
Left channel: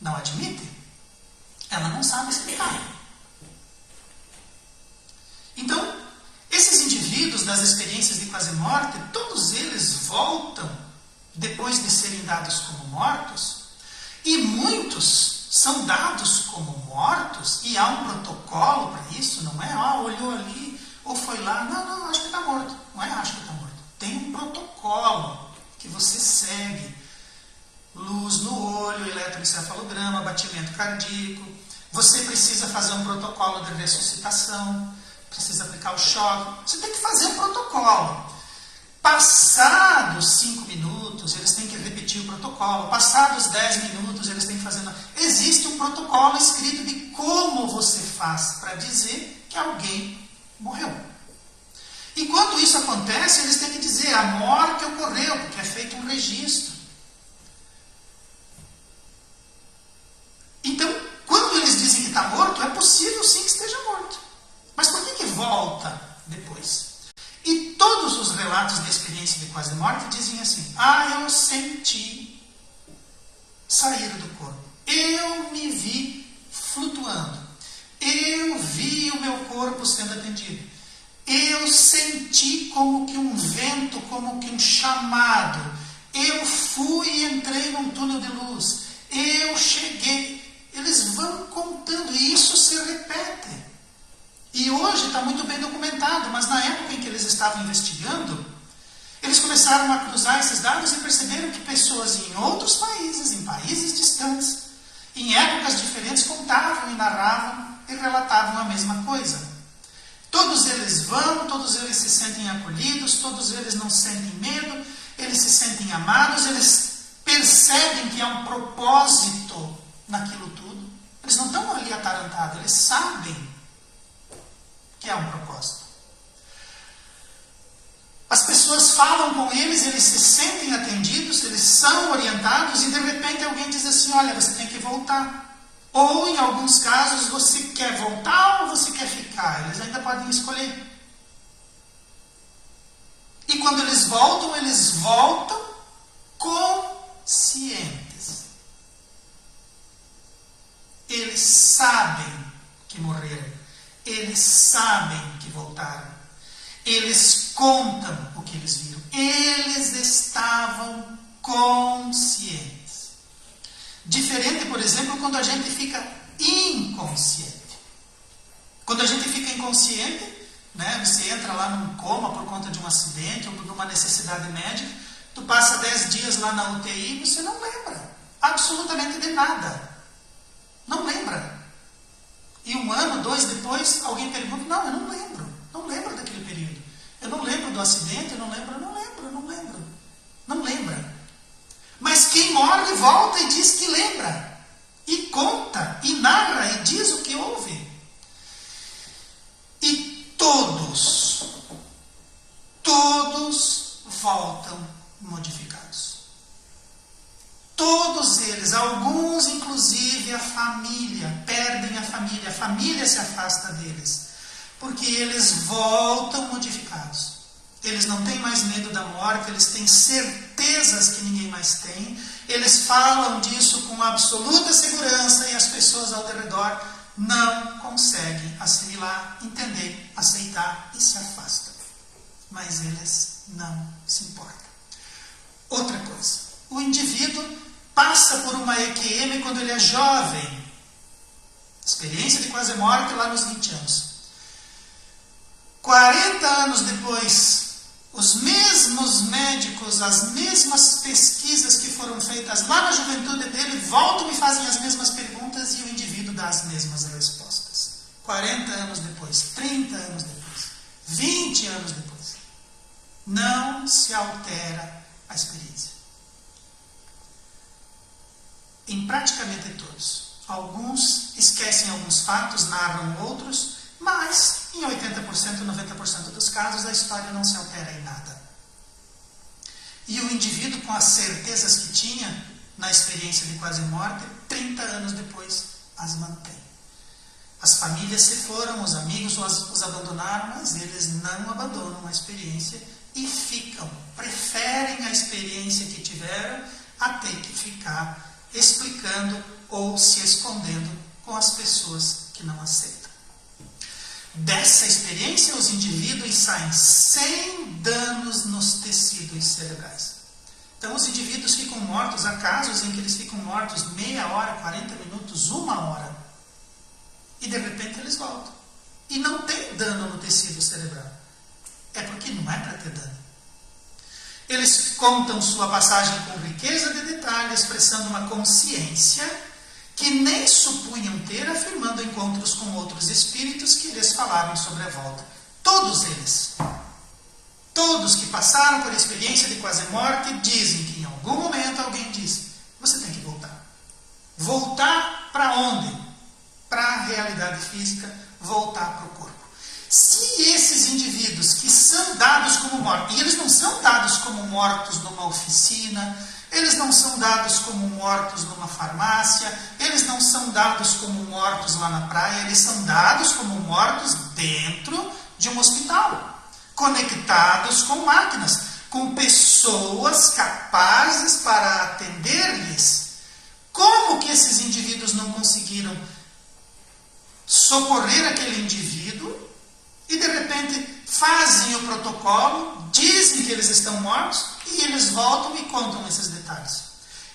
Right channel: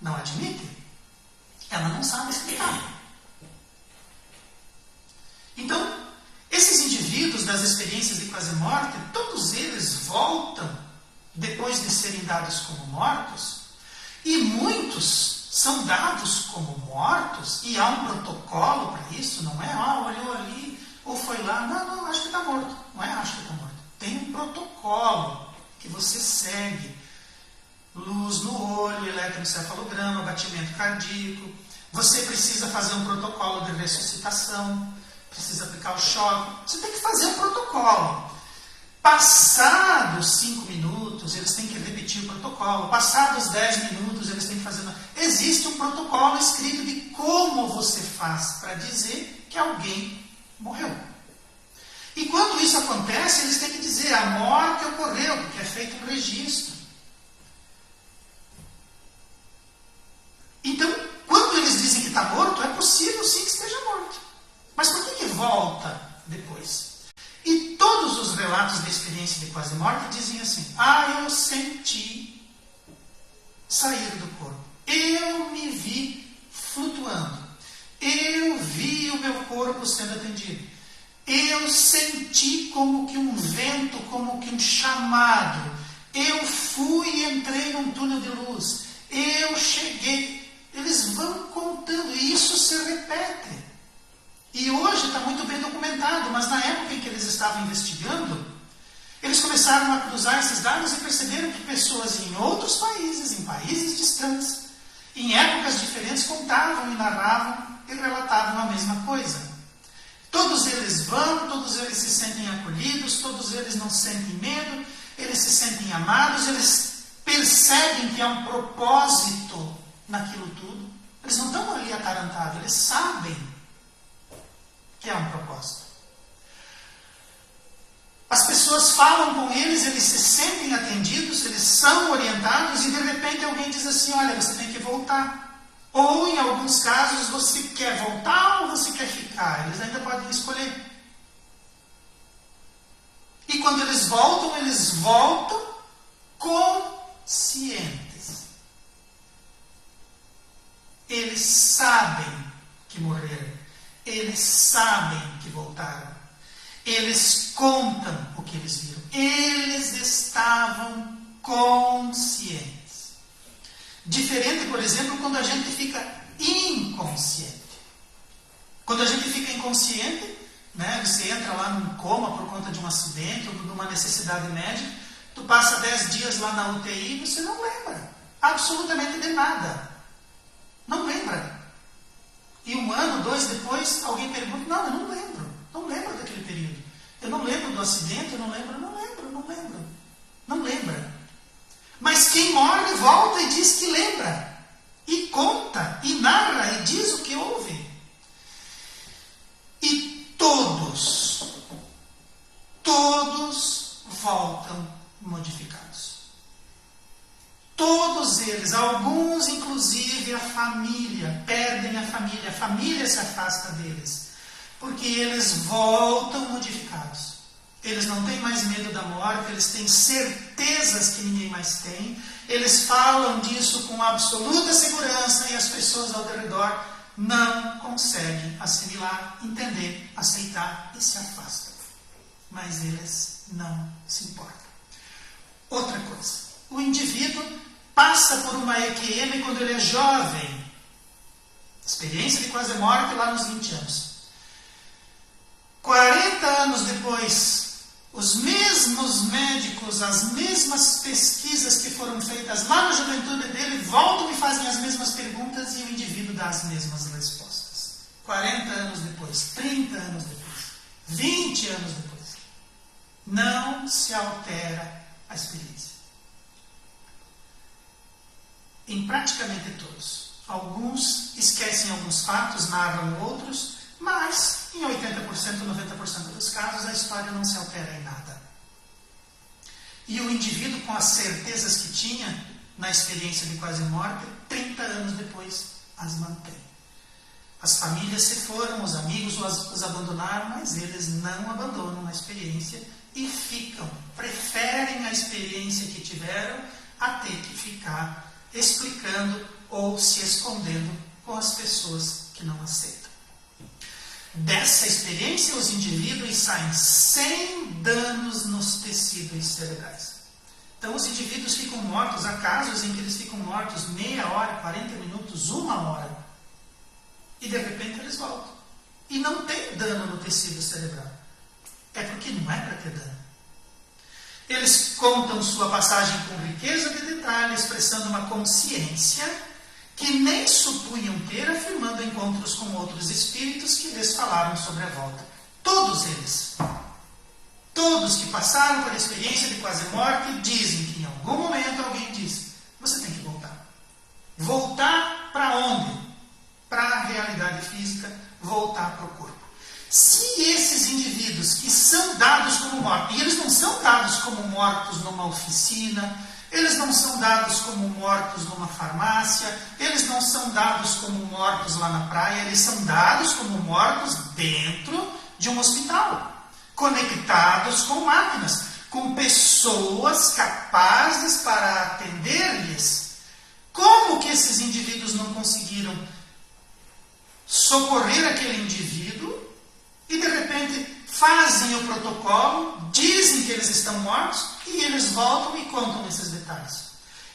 não admite. Ela não sabe explicar. Então, esses indivíduos das experiências de quase morte, todos eles voltam depois de serem dados como mortos, e muitos são dados como mortos, e há um protocolo para isso, não é? Olhou ali, ou foi lá, não, acho que está morto. Não é acho que está morto. Tem um protocolo que você segue. Luz no olho, eletroencefalograma, batimento cardíaco. Você precisa fazer um protocolo de ressuscitação, precisa aplicar o choque. Você tem que fazer um protocolo. Passados 5 minutos, eles têm que repetir o protocolo. Passados 10 minutos, eles têm que fazer... Existe um protocolo escrito de como você faz para dizer que alguém morreu. E quando isso acontece, eles têm que dizer a morte ocorreu, porque é feito um registro. Então, quando eles dizem que está morto, é possível sim que esteja morto. Mas por que volta depois? E todos os relatos da experiência de quase morte dizem assim: eu senti sair do corpo. Eu me vi flutuando. Eu vi o meu corpo sendo atendido. Eu senti como que um vento, como que um chamado. Eu fui e entrei num túnel de luz. Eu cheguei. Eles vão contando e isso se repete. E hoje está muito bem documentado, mas na época em que eles estavam investigando, eles começaram a cruzar esses dados e perceberam que pessoas em outros países, em países distantes, em épocas diferentes, contavam e narravam e relatavam a mesma coisa. Todos eles vão, todos eles se sentem acolhidos, todos eles não sentem medo, eles se sentem amados, eles percebem que há um propósito naquilo tudo. Eles não estão ali atarantados, eles sabem que há um propósito. As pessoas falam com eles, eles se sentem atendidos, eles são orientados e de repente alguém diz assim: olha, você tem que voltar. Ou em alguns casos você quer voltar ou você quer ficar. Eles ainda podem escolher. E quando eles voltam conscientes. Eles sabem que morreram. Eles sabem que voltaram. Eles contam o que eles viram. Eles estavam conscientes. Diferente, por exemplo, quando a gente fica inconsciente. Quando a gente fica inconsciente, né, você entra lá num coma por conta de um acidente ou de uma necessidade médica, tu passa 10 dias lá na UTI e você não lembra absolutamente de nada. Não lembra. E 1 ano, 2 depois, alguém pergunta: não, eu não lembro. Não lembro daquele período. Eu não lembro do acidente, eu não lembro. Não lembra. Mas quem morre volta e diz que lembra. E conta, e narra, e diz o que houve. todos voltam modificados. Todos eles, alguns inclusive a família, perdem a família se afasta deles, porque eles voltam modificados. Eles não têm mais medo da morte, eles têm certezas que ninguém mais tem, eles falam disso com absoluta segurança e as pessoas ao redor não conseguem assimilar, entender, aceitar e se afastam. Mas eles não se importam. Outra coisa, o indivíduo passa por uma EQM quando ele é jovem. Experiência de quase morte lá nos 20 anos. 40 anos depois, os mesmos médicos, as mesmas pesquisas que foram feitas lá na juventude dele, voltam e fazem as mesmas perguntas e o indivíduo dá as mesmas respostas. 40 anos depois, 30 anos depois, 20 anos depois. Não se altera a experiência. Em praticamente todos. Alguns esquecem alguns fatos, narram outros, mas em 80%, 90% dos casos a história não se altera em nada. E o indivíduo, com as certezas que tinha na experiência de quase morte, 30 anos depois as mantém. As famílias se foram, os amigos os abandonaram, mas eles não abandonam a experiência e ficam, preferem a experiência que tiveram a ter que ficar explicando ou se escondendo com as pessoas que não aceitam. Dessa experiência, os indivíduos saem sem danos nos tecidos cerebrais. Então, os indivíduos ficam mortos, há casos em que eles ficam mortos meia hora, 40 minutos, 1 hora. E, de repente, eles voltam. E não tem dano no tecido cerebral. É porque não é para ter dano. Eles contam sua passagem com riqueza de detalhe, expressando uma consciência que nem supunham ter, afirmando encontros com outros espíritos que lhes falaram sobre a volta. Todos eles, todos que passaram por a experiência de quase morte, dizem que em algum momento alguém disse: você tem que voltar. Voltar para onde? Para a realidade física, voltar para o corpo. Se esses indivíduos que são dados como mortos, e eles não são dados como mortos numa oficina, eles não são dados como mortos numa farmácia, eles não são dados como mortos lá na praia, eles são dados como mortos dentro de um hospital, conectados com máquinas, com pessoas capazes para atender-lhes. Como que esses indivíduos não conseguiram socorrer aquele indivíduo e de repente fazem o protocolo, dizem que eles estão mortos e eles voltam e contam esses detalhes.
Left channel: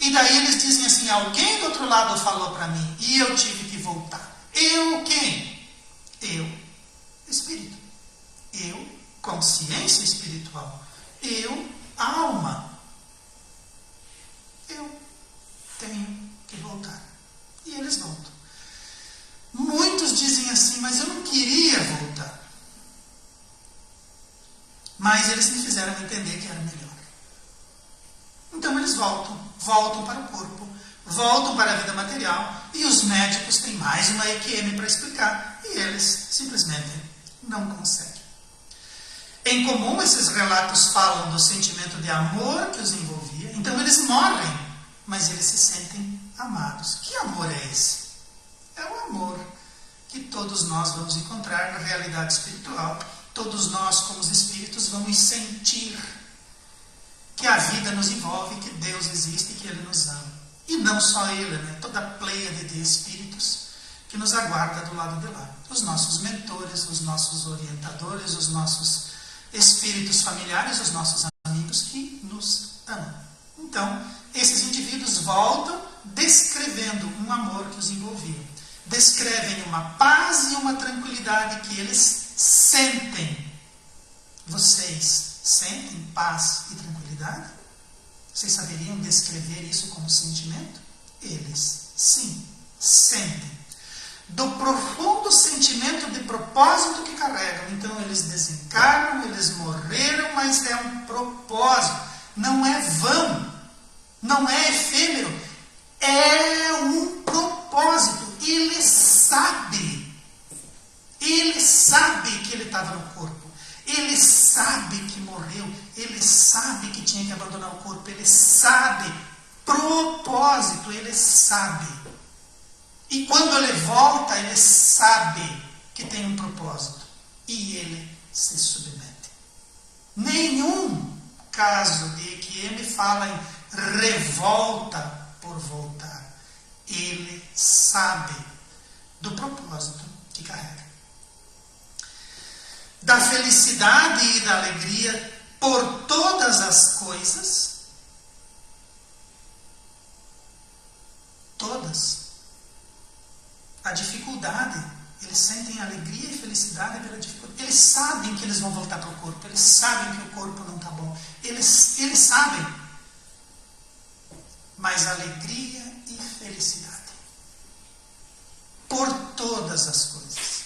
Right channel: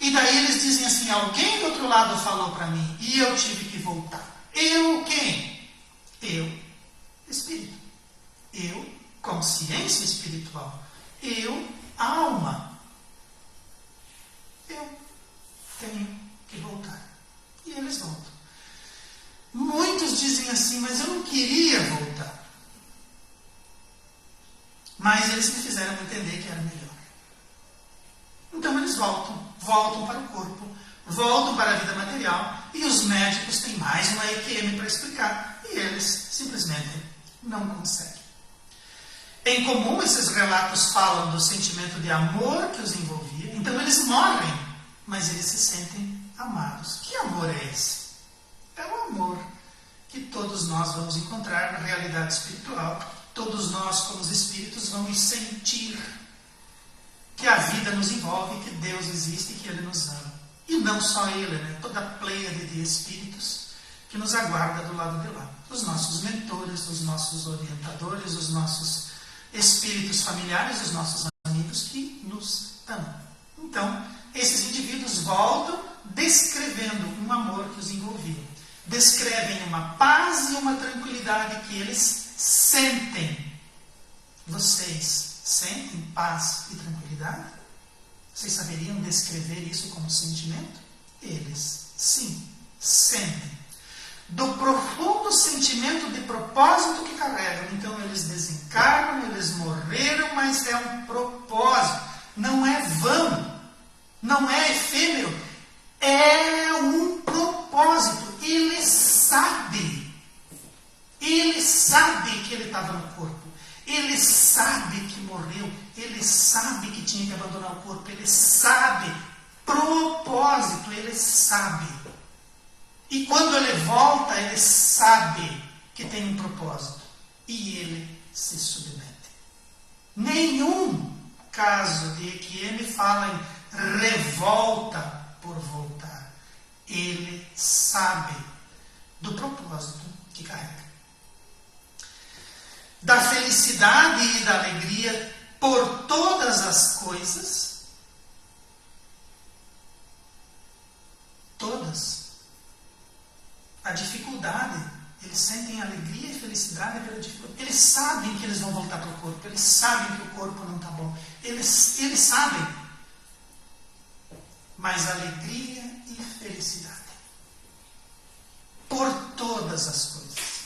E daí eles dizem assim: alguém do outro lado falou para mim e eu tive que voltar. Eu quem? Eu, espírito. Eu, consciência espiritual. Eu, alma. Eu tenho que voltar. E eles voltam. Muitos dizem assim: mas eu não queria voltar. Mas eles me fizeram entender que era melhor. Então eles voltam para o corpo, voltam para a vida material, e os médicos têm mais uma EQM para explicar, e eles simplesmente não conseguem. Em comum, esses relatos falam do sentimento de amor que os envolvia. Então eles morrem, mas eles se sentem amados. Que amor é esse? É o amor que todos nós vamos encontrar na realidade espiritual. Todos nós, como os espíritos, vamos sentir que a vida nos envolve, que Deus existe e que Ele nos ama. E não só Ele, né? Toda a pleiade de espíritos que nos aguarda do lado de lá. Os nossos mentores, os nossos orientadores, os nossos espíritos familiares, os nossos amigos que nos amam. Então, esses indivíduos voltam descrevendo um amor que os envolvia. Descrevem uma paz e uma tranquilidade que eles sentem. Vocês sentem paz e tranquilidade? Vocês saberiam descrever isso como sentimento? Eles, sim, sentem. Do profundo sentimento de propósito que carregam. Então eles desencarnam, eles morreram, mas é um propósito. Não é vão, não é efêmero. É um propósito. Ele sabe que ele estava no corpo. Ele sabe que morreu. propósito, ele sabe. E quando ele volta, ele sabe que tem um propósito. E ele se submete. Nenhum caso de EQM fala em revolta por voltar. Ele sabe do propósito que carrega. Da felicidade e da alegria por todas as coisas. Todas. A dificuldade, eles sentem alegria e felicidade pela dificuldade. Eles sabem que eles vão voltar para o corpo. Eles sabem que o corpo não está bom. Eles sabem. Mas alegria e felicidade. Por todas as coisas.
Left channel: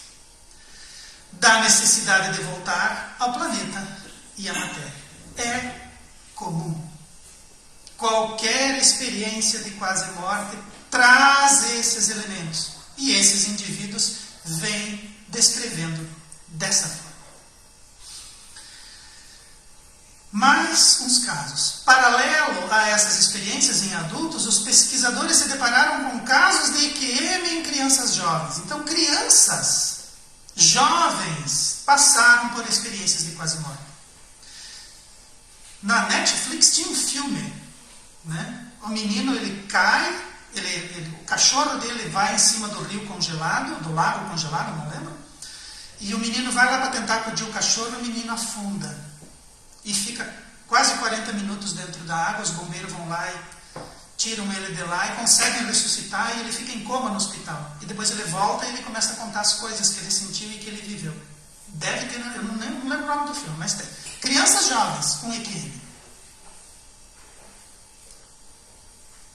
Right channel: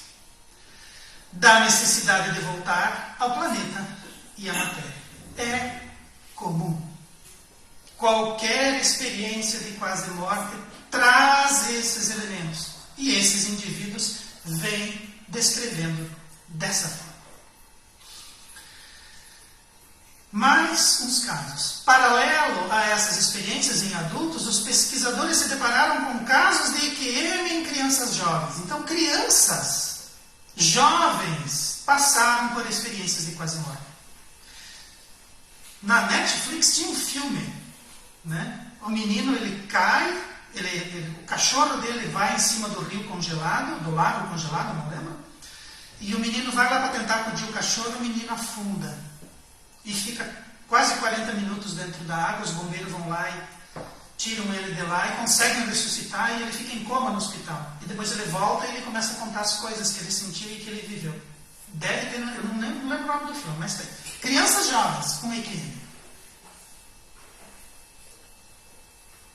Da necessidade de voltar ao planeta e à matéria. É comum. Qualquer experiência de quase morte traz esses elementos. E esses indivíduos vêm descrevendo dessa forma. Mais uns casos. Paralelo a essas experiências em adultos, os pesquisadores se depararam com casos de EQM em crianças jovens. Então, crianças jovens passaram por experiências de quase morte. Na Netflix tinha um filme, né? O menino, ele cai, o cachorro dele vai em cima do rio congelado, do lago congelado, não lembro? E o menino vai lá para tentar acudir o cachorro, o menino afunda. E fica quase 40 minutos dentro da água, os bombeiros vão lá e tiram ele de lá e conseguem ressuscitar, e ele fica em coma no hospital. E depois ele volta e ele começa a contar as coisas que ele sentiu e que ele viveu. Deve ter, eu não lembro o nome do filme, mas tem. Crianças jovens com EQM.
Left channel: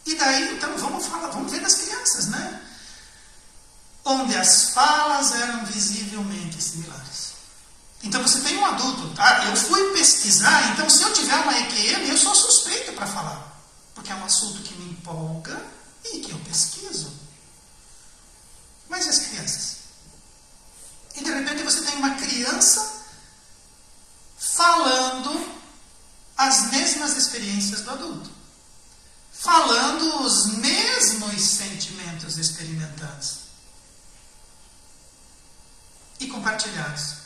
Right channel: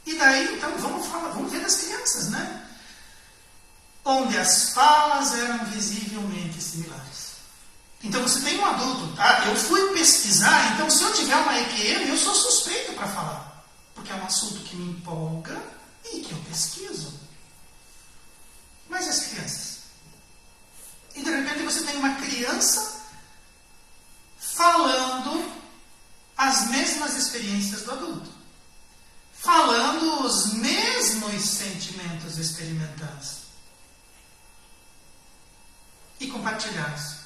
E daí, então, vamos ver das crianças, né? Onde as falas eram visivelmente similares. Então você tem um adulto, eu fui pesquisar, então se eu tiver uma EQM, eu sou suspeito para falar. Porque é um assunto que me empolga e que eu pesquiso. Mas e as crianças? E de repente você tem uma criança falando as mesmas experiências do adulto. Falando os mesmos sentimentos experimentados. E compartilhados.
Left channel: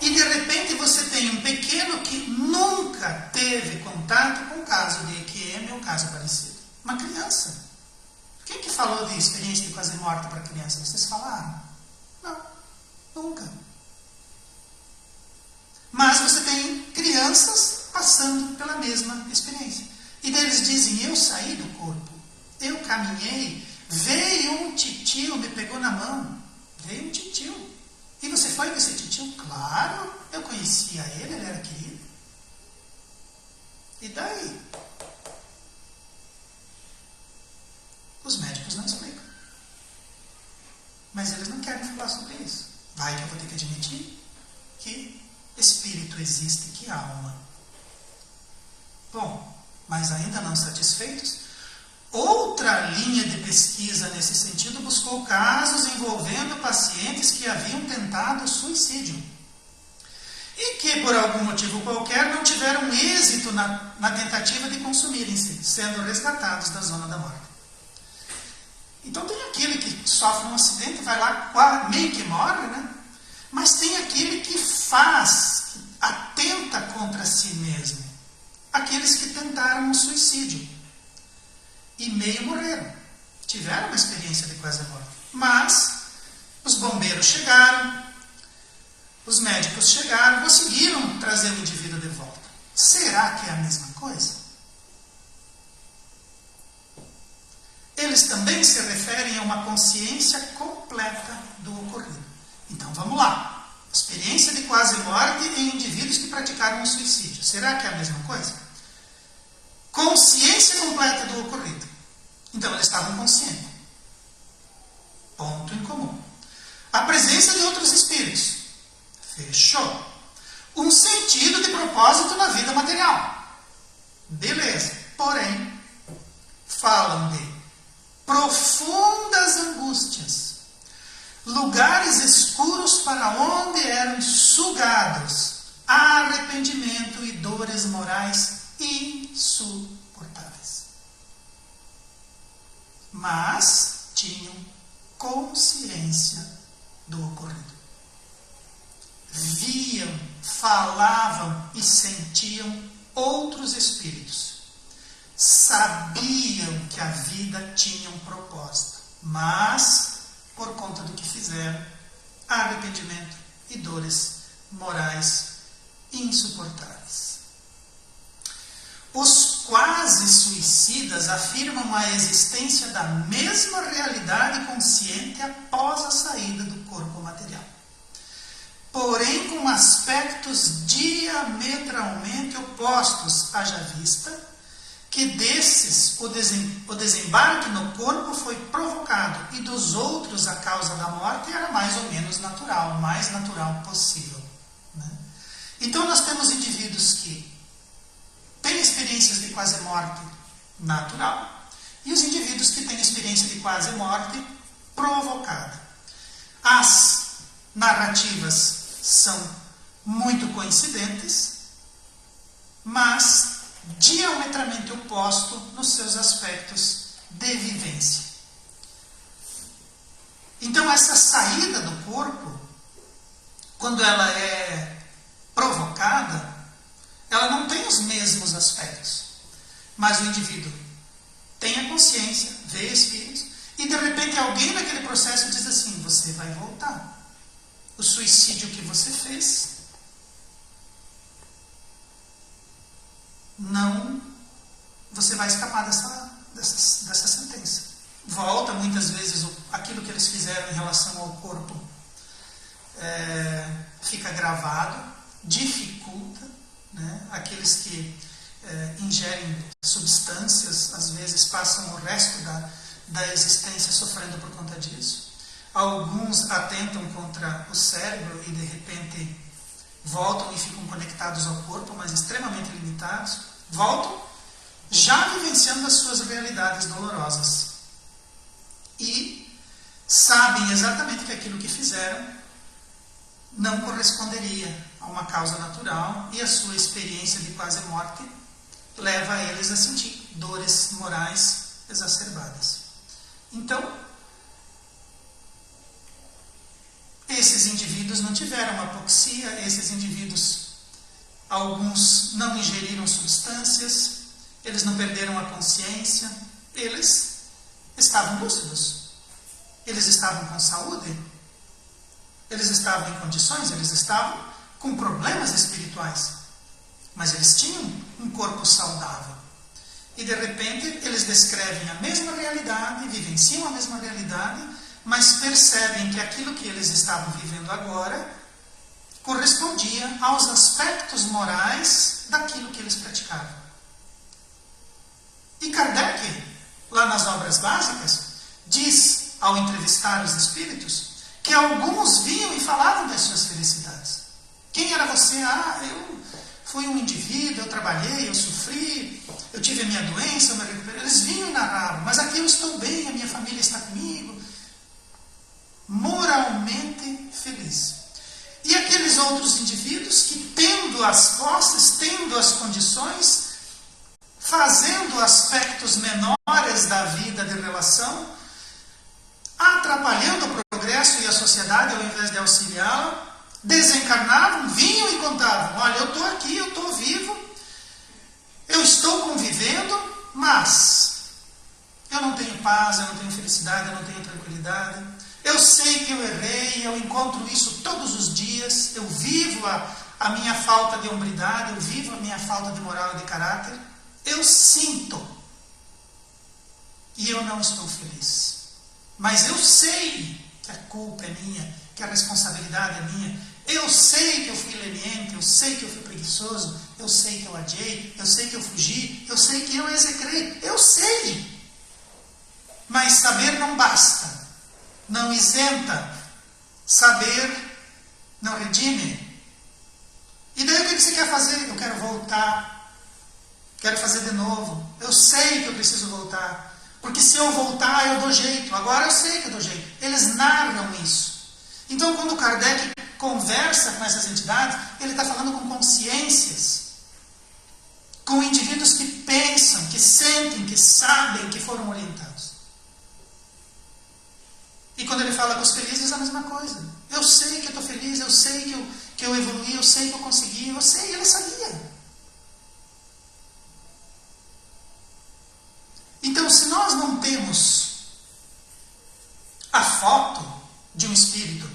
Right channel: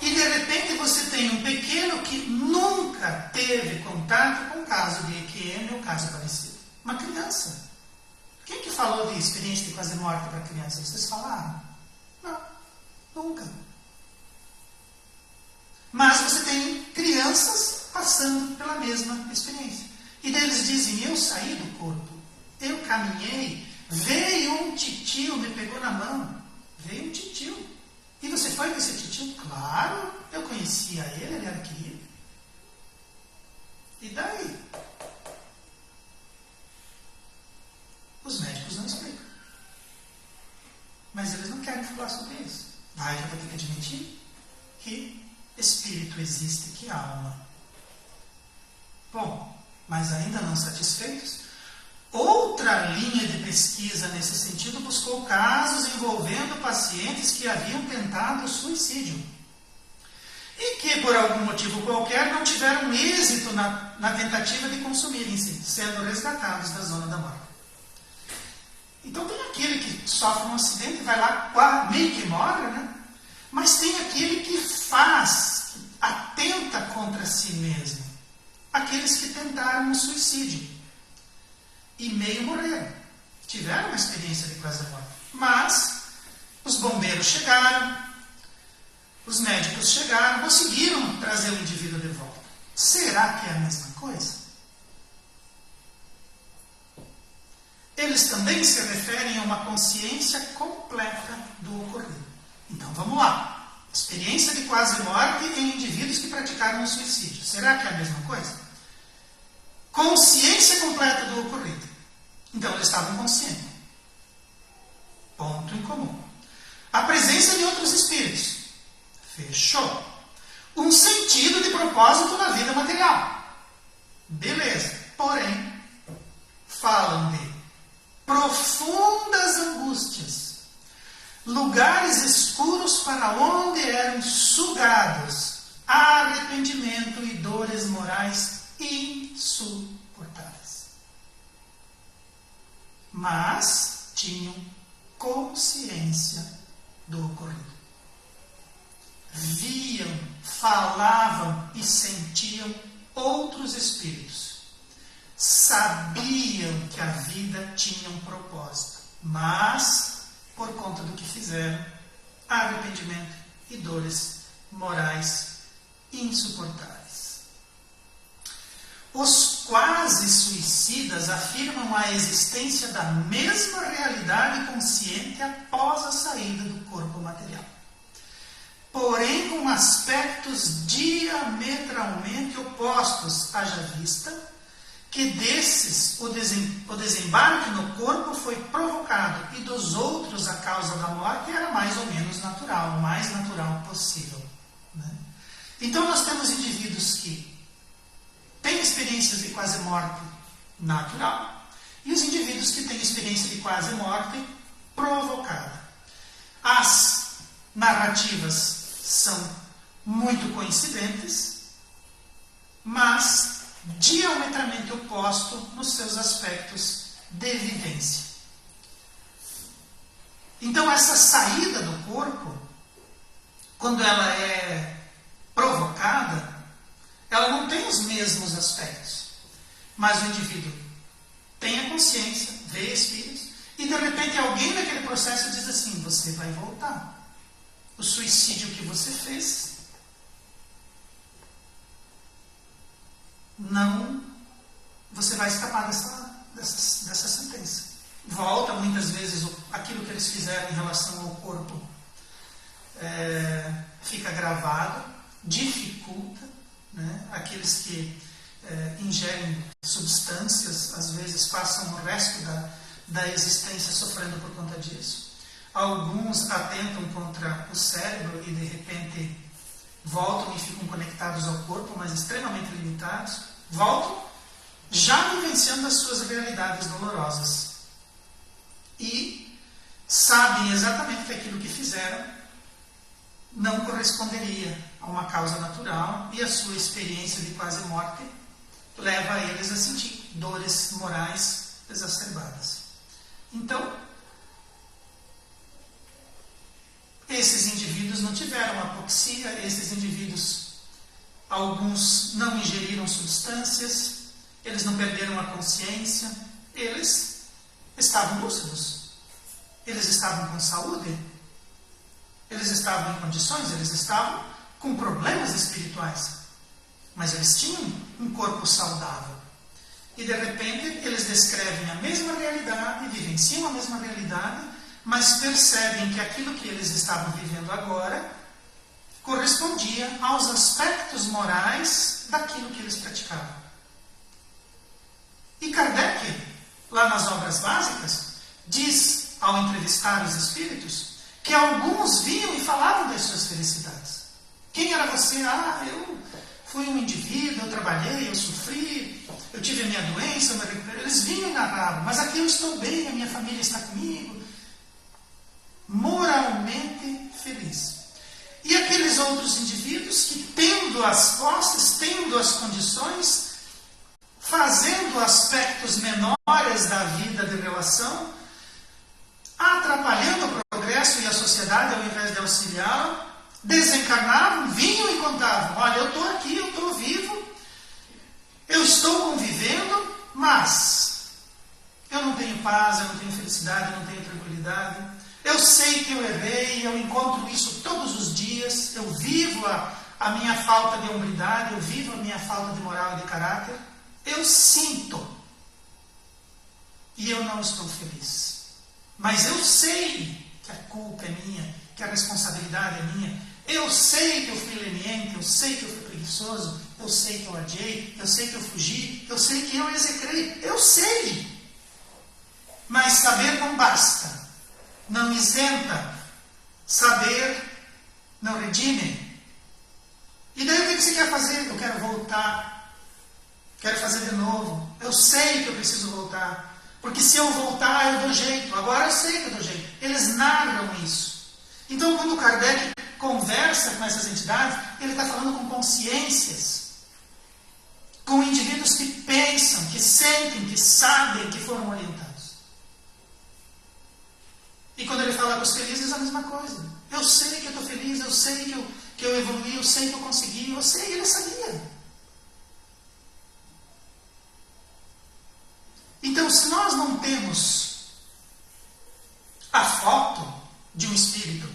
E de repente você tem um pequeno que nunca teve contato com o caso de EQM ou caso parecido. Uma criança. Quem que falou de experiência de quase morte para criança? Vocês falaram? Não, nunca. Mas você tem crianças passando pela mesma experiência. E daí eles dizem, eu saí do corpo, eu caminhei, veio um titio, me pegou na mão. Veio um titio. E você foi com esse titio? Claro, eu conhecia ele era querido. E daí? Os médicos não explicam. Mas eles não querem falar sobre isso. Vai que eu vou ter que admitir que espírito existe, que alma. Bom, mas ainda não satisfeitos, outra linha de pesquisa nesse sentido buscou casos envolvendo pacientes que haviam tentado suicídio e que, por algum motivo qualquer, não tiveram êxito na tentativa de consumirem-se, sendo resgatados da zona da morte. Então tem aquele que sofre um acidente e vai lá, meio que morre, né? Mas tem aquele que atenta contra si mesmo. Aqueles que tentaram o suicídio e meio morreram. Tiveram uma experiência de quase morte. Mas os bombeiros chegaram, os médicos chegaram, conseguiram trazer o indivíduo de volta. Será que é a mesma coisa? Eles também se referem a uma consciência completa do ocorrido. Então vamos lá. Experiência de quase morte em indivíduos que praticaram o suicídio. Será que é a mesma coisa? Consciência completa do ocorrido. Então eles estavam conscientes. Ponto em comum. A presença de outros espíritos. Fechou. Um sentido de propósito na vida material. Beleza. Porém, falam de profundas angústias. Lugares escuros para onde eram sugados arrependimento e dores morais insuportáveis. mas tinham consciência do ocorrido. Viam, falavam e sentiam outros espíritos. Sabiam que a vida tinha um propósito, mas, por conta do que fizeram, há arrependimento e dores morais insuportáveis. Os quase suicidas afirmam a existência da mesma realidade consciente após a saída do corpo material, porém com aspectos diametralmente opostos, haja vista que desses o desembarque no corpo foi provocado e dos outros a causa da morte era mais ou menos natural, o mais natural possível, né? Então nós temos indivíduos que têm experiências de quase morte natural e os indivíduos que têm experiência de quase morte provocada. As narrativas são muito coincidentes, mas diametralmente oposto nos seus aspectos de vivência. Então essa saída do corpo, quando ela é provocada, ela não tem os mesmos aspectos, mas o indivíduo tem a consciência, vê espíritos, e de repente alguém naquele processo diz assim: você vai voltar. O suicídio que você fez não, você vai escapar dessa sentença. Volta muitas vezes aquilo que eles fizeram em relação ao corpo, fica gravado, dificulta, né? Aqueles que ingerem substâncias, às vezes passam o resto da existência sofrendo por conta disso. Alguns atentam contra o cérebro e de repente voltam e ficam conectados ao corpo, mas extremamente limitados. Voltam já vivenciando as suas realidades dolorosas. E sabem exatamente que aquilo que fizeram não corresponderia a uma causa natural e a sua experiência de quase morte leva eles a sentir dores morais exacerbadas. Então, esses indivíduos não tiveram apoxia, esses indivíduos, alguns não ingeriram substâncias, eles não perderam a consciência, eles estavam lúcidos, eles estavam com saúde, eles estavam em condições, eles estavam com problemas espirituais, mas eles tinham um corpo saudável. E de repente eles descrevem a mesma realidade, vivenciam a mesma realidade, mas percebem que aquilo que eles estavam vivendo agora correspondia aos aspectos morais daquilo que eles praticavam. E Kardec, lá nas obras básicas, diz, ao entrevistar os espíritos, que alguns vinham e falavam das suas felicidades. Quem era você? Eu fui um indivíduo, eu trabalhei, eu sofri, eu tive a minha doença, eu me recuperei. Eles vinham e narravam, mas aqui eu estou bem, a minha família está comigo. Moralmente feliz. E aqueles outros indivíduos que, tendo as posses, tendo as condições, fazendo aspectos menores da vida de relação, atrapalhando o progresso e a sociedade ao invés de auxiliá-la, desencarnavam, vinham e contavam: olha, eu estou aqui, eu estou vivo, eu estou convivendo, mas eu não tenho paz, eu não tenho felicidade, eu não tenho tranquilidade. Eu sei que eu errei, eu encontro isso todos os dias, eu vivo a minha falta de hombridade, eu vivo a minha falta de moral e de caráter. Eu sinto e eu não estou feliz. Mas eu sei que a culpa é minha, que a responsabilidade é minha. Eu sei que eu fui leniente, eu sei que eu fui preguiçoso, eu sei que eu adiei, eu sei que eu fugi, eu sei que eu execrei. Eu sei. Mas saber não basta. Não isenta. Saber não redime. E daí o que você quer fazer? Eu quero voltar. Quero fazer de novo. Eu sei que eu preciso voltar. Porque se eu voltar, eu dou jeito. Agora eu sei que eu dou jeito. Eles narram isso. Então, quando Kardec conversa com essas entidades, ele está falando com consciências. Com indivíduos que pensam, que sentem, que sabem, que foram orientados. Jogos Felizes é a mesma coisa. Eu sei que eu estou feliz, eu sei que eu evoluí, eu sei que eu consegui, eu sei, ele sabia. Então, se nós não temos a foto de um espírito,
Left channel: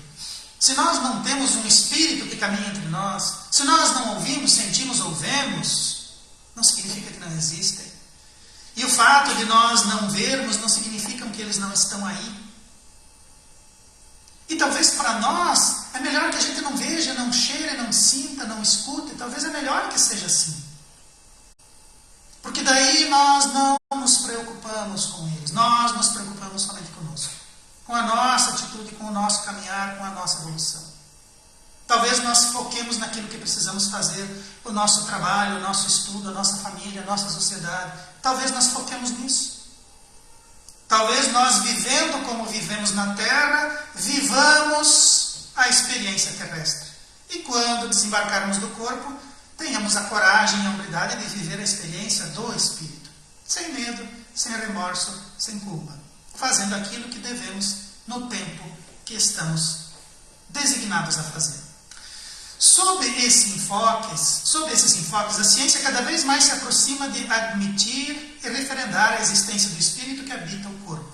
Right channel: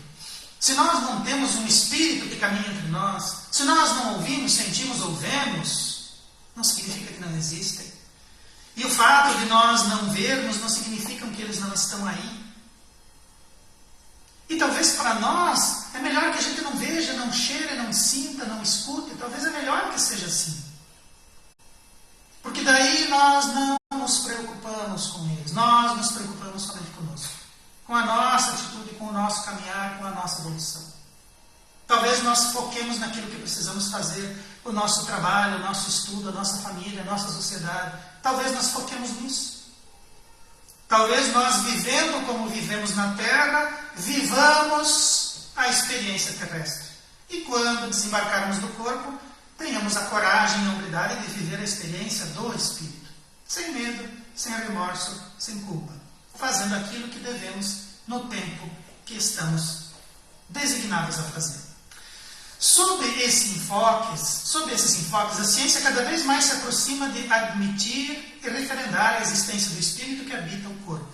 se nós não temos um espírito que caminha entre nós, se nós não ouvimos, sentimos ou vemos, não significa que não existem. E o fato de nós não vermos não significa que eles não estão aí. E talvez para nós é melhor que a gente não veja, não cheire, não sinta, não escute. Talvez é melhor que seja assim. Porque daí nós não nos preocupamos com eles. Nós nos preocupamos somente conosco. Com a nossa atitude, com o nosso caminhar, com a nossa evolução. Talvez nós foquemos naquilo que precisamos fazer, o nosso trabalho, o nosso estudo, a nossa família, a nossa sociedade. Talvez nós foquemos nisso. Talvez nós, vivendo como vivemos na Terra, vivamos a experiência terrestre. E quando desembarcarmos do corpo, tenhamos a coragem e a humildade de viver a experiência do Espírito. Sem medo, sem remorso, sem culpa. Fazendo aquilo que devemos no tempo que estamos designados a fazer. Sob esses enfoques, a ciência cada vez mais se aproxima de admitir e referendar a existência do espírito que habita o corpo.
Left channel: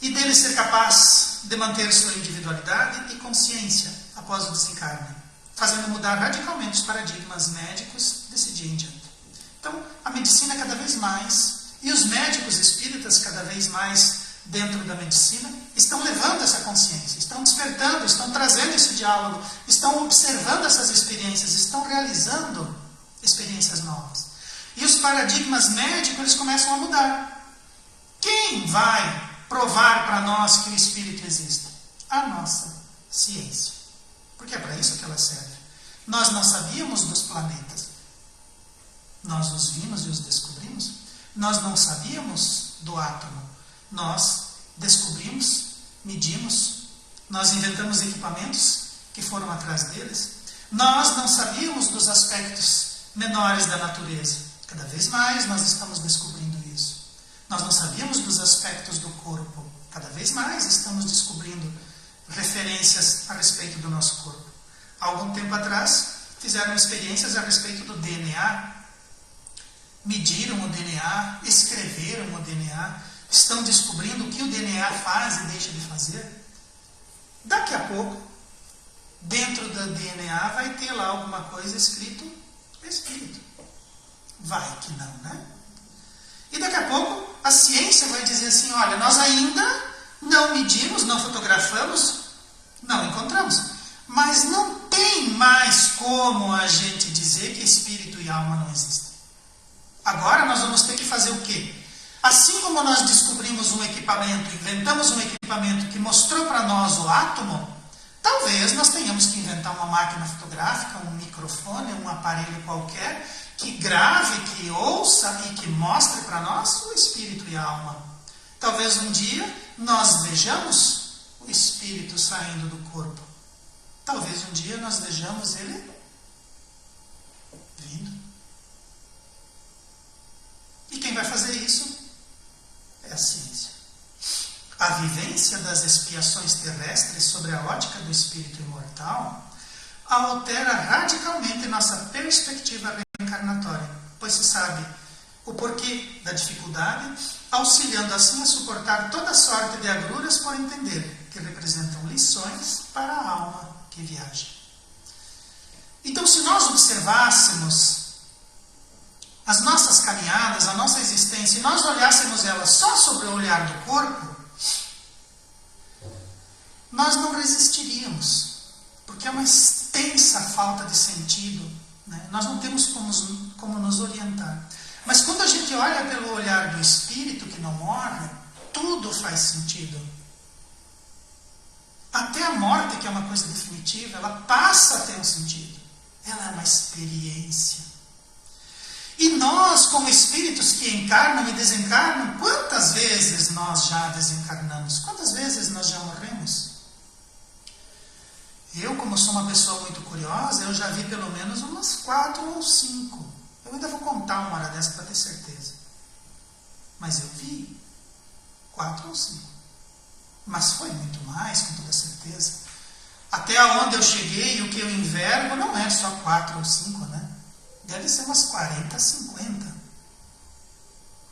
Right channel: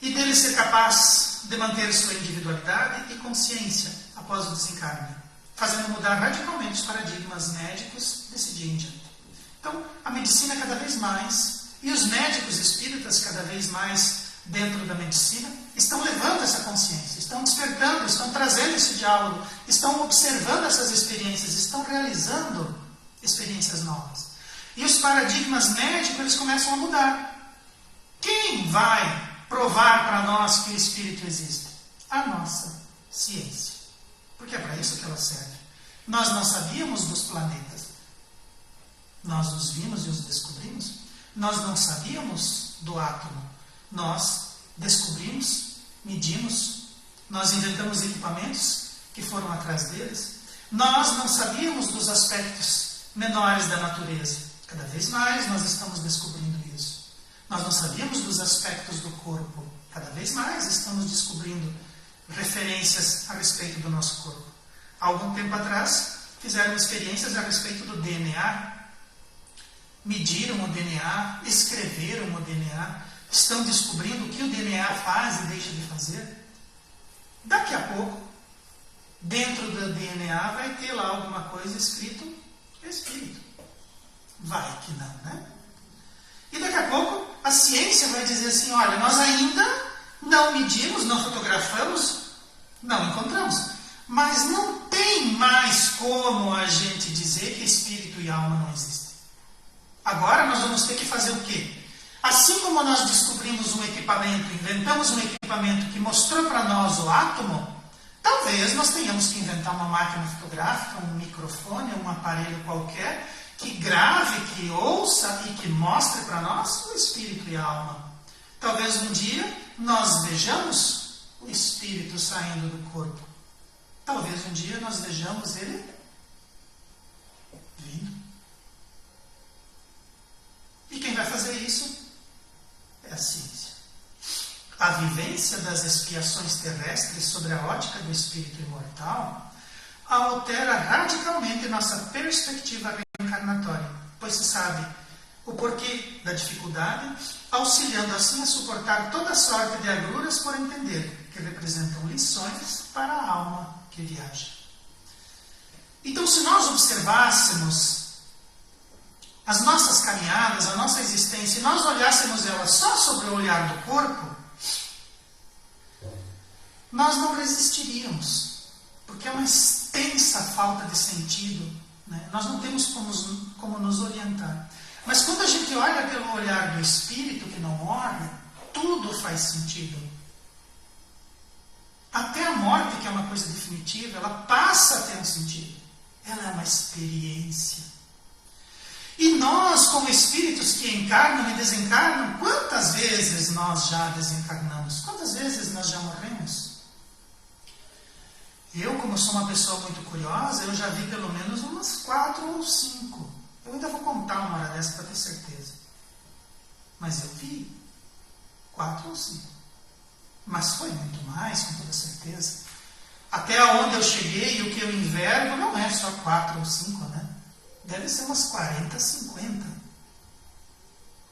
E dele ser capaz de manter sua individualidade e consciência após o desencarne, fazendo mudar radicalmente os paradigmas médicos desse dia em diante. Então, a medicina cada vez mais, e os médicos espíritas cada vez mais dentro da medicina, estão levando essa consciência, estão despertando, estão trazendo esse diálogo, estão observando essas experiências, estão realizando experiências novas. E os paradigmas médicos, eles começam a mudar. Quem vai provar para nós que o espírito existe? A nossa ciência. Porque é para isso que ela serve. Nós não sabíamos dos planetas. Nós os vimos e os descobrimos. Nós não sabíamos do átomo. Nós descobrimos, medimos, nós inventamos equipamentos que foram atrás deles. Nós não sabíamos dos aspectos menores da natureza. Cada vez mais nós estamos descobrindo isso. Nós não sabíamos dos aspectos do corpo. Cada vez mais estamos descobrindo referências a respeito do nosso corpo. Há algum tempo atrás, fizeram experiências a respeito do DNA. Mediram o DNA, escreveram o DNA, estão descobrindo o que o DNA faz e deixa de fazer. Daqui a pouco, dentro do DNA, vai ter lá alguma coisa escrito. Vai que não, né? E daqui a pouco, a ciência vai dizer assim, olha, nós ainda não medimos, não fotografamos, não encontramos. Mas não tem mais como a gente dizer que espírito e alma não existem. Agora nós vamos ter que fazer o quê? Assim como nós descobrimos um equipamento, inventamos um equipamento que mostrou para nós o átomo, talvez nós tenhamos que inventar uma máquina fotográfica, um microfone, um aparelho qualquer, que grave, que ouça e que mostre para nós o espírito e a alma. Talvez um dia nós vejamos o espírito saindo do corpo. Talvez um dia nós vejamos ele vindo. E quem vai fazer isso é a ciência. A vivência das expiações terrestres sobre a ótica do espírito imortal altera radicalmente nossa perspectiva reencarnatória, pois se sabe o porquê da dificuldade, auxiliando assim a suportar toda sorte de agruras por entender, que representam lições para a alma que viaja. Então, se nós observássemos as nossas caminhadas, a nossa existência, e nós olhássemos ela só sobre o olhar do corpo, nós não resistiríamos, porque é uma extensa falta de sentido, né? Nós não temos como nos orientar. Mas quando a gente olha pelo olhar do espírito que não morre, tudo faz sentido. Até a morte, que é uma coisa definitiva, ela passa a ter um sentido. Ela é uma experiência. E nós, como espíritos que encarnam e desencarnam, quantas vezes nós já desencarnamos? Quantas vezes nós já morremos? Eu, como sou uma pessoa muito curiosa, eu já vi pelo menos umas 4 ou 5. Eu ainda vou contar uma hora dessa para ter certeza. Mas eu vi 4 ou 5. Mas foi muito mais, com toda certeza. Até onde eu cheguei, o que eu envergo não é só 4 ou 5, né? Deve ser umas 40, 50.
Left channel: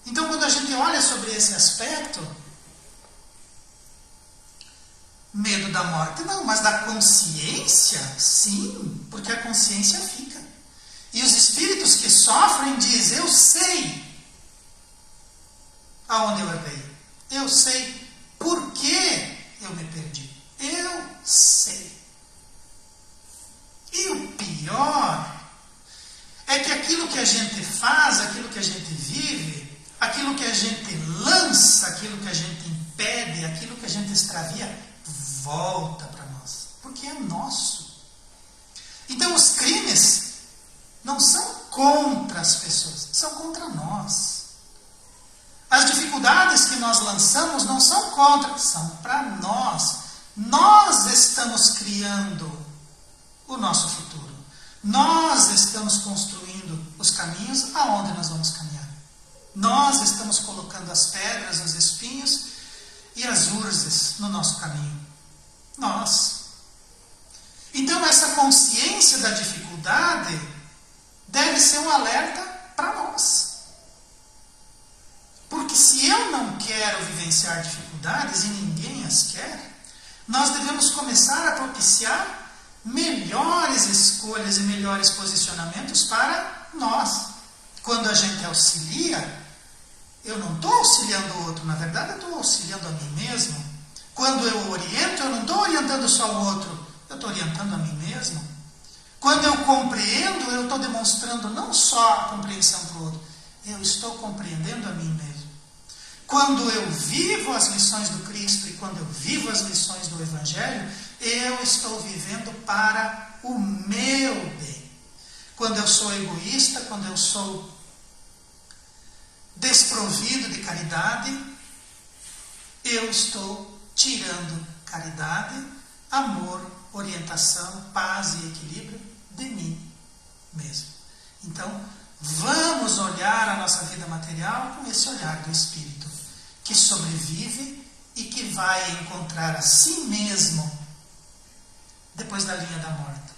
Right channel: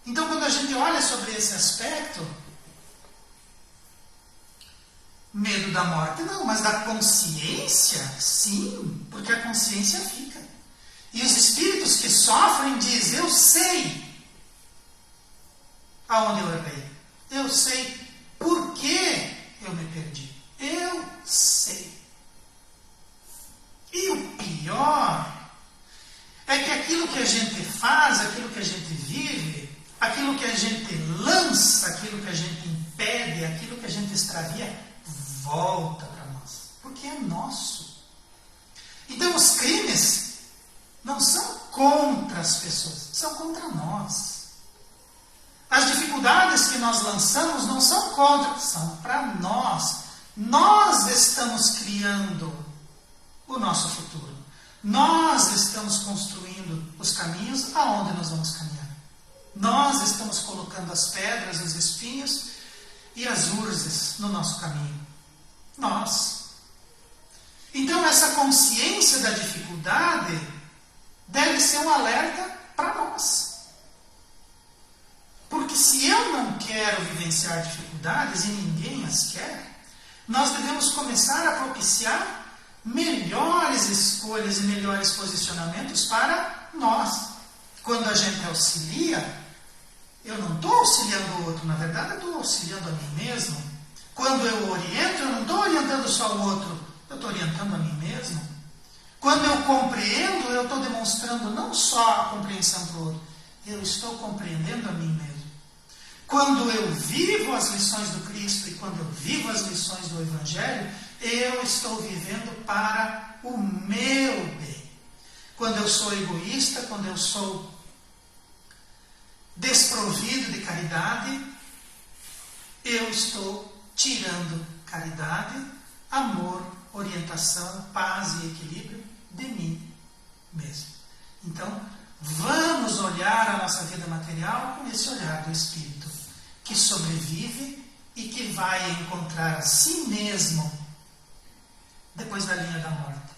Então, quando a gente olha sobre esse aspecto, medo da morte, não, mas da consciência, sim, porque a consciência fica. E os espíritos que sofrem dizem, eu sei aonde eu errei. Eu sei por que eu me perdi. Eu sei. E o pior é que aquilo que a gente faz, aquilo que a gente vive, aquilo que a gente lança, aquilo que a gente impede, aquilo que a gente extravia, volta para nós. Porque é nosso. Então os crimes não são contra as pessoas, são contra nós. As dificuldades que nós lançamos não são contra, são para nós. Nós estamos criando o nosso futuro. Nós estamos construindo os caminhos aonde nós vamos caminhar. Nós estamos colocando as pedras, os espinhos e as urzes no nosso caminho. Nós. Então essa consciência da dificuldade deve ser um alerta para nós. Porque se eu não quero vivenciar dificuldades e ninguém as quer, nós devemos começar a propiciar melhores escolhas e melhores posicionamentos para nós. Quando a gente auxilia, eu não estou auxiliando o outro, na verdade eu estou auxiliando a mim mesmo. Quando eu oriento, eu não estou orientando só o outro, eu estou orientando a mim mesmo. Quando eu compreendo, eu estou demonstrando não só a compreensão para o outro, eu estou compreendendo a mim mesmo. Quando eu vivo as lições do Cristo e quando eu vivo as lições do Evangelho, eu estou vivendo para o meu bem. Quando eu sou egoísta, quando eu sou desprovido de caridade, eu estou tirando caridade, amor, orientação, paz e equilíbrio de mim mesmo. Então, vamos olhar a nossa vida material com esse olhar do Espírito, que sobrevive e que vai encontrar a si mesmo depois da linha da morte.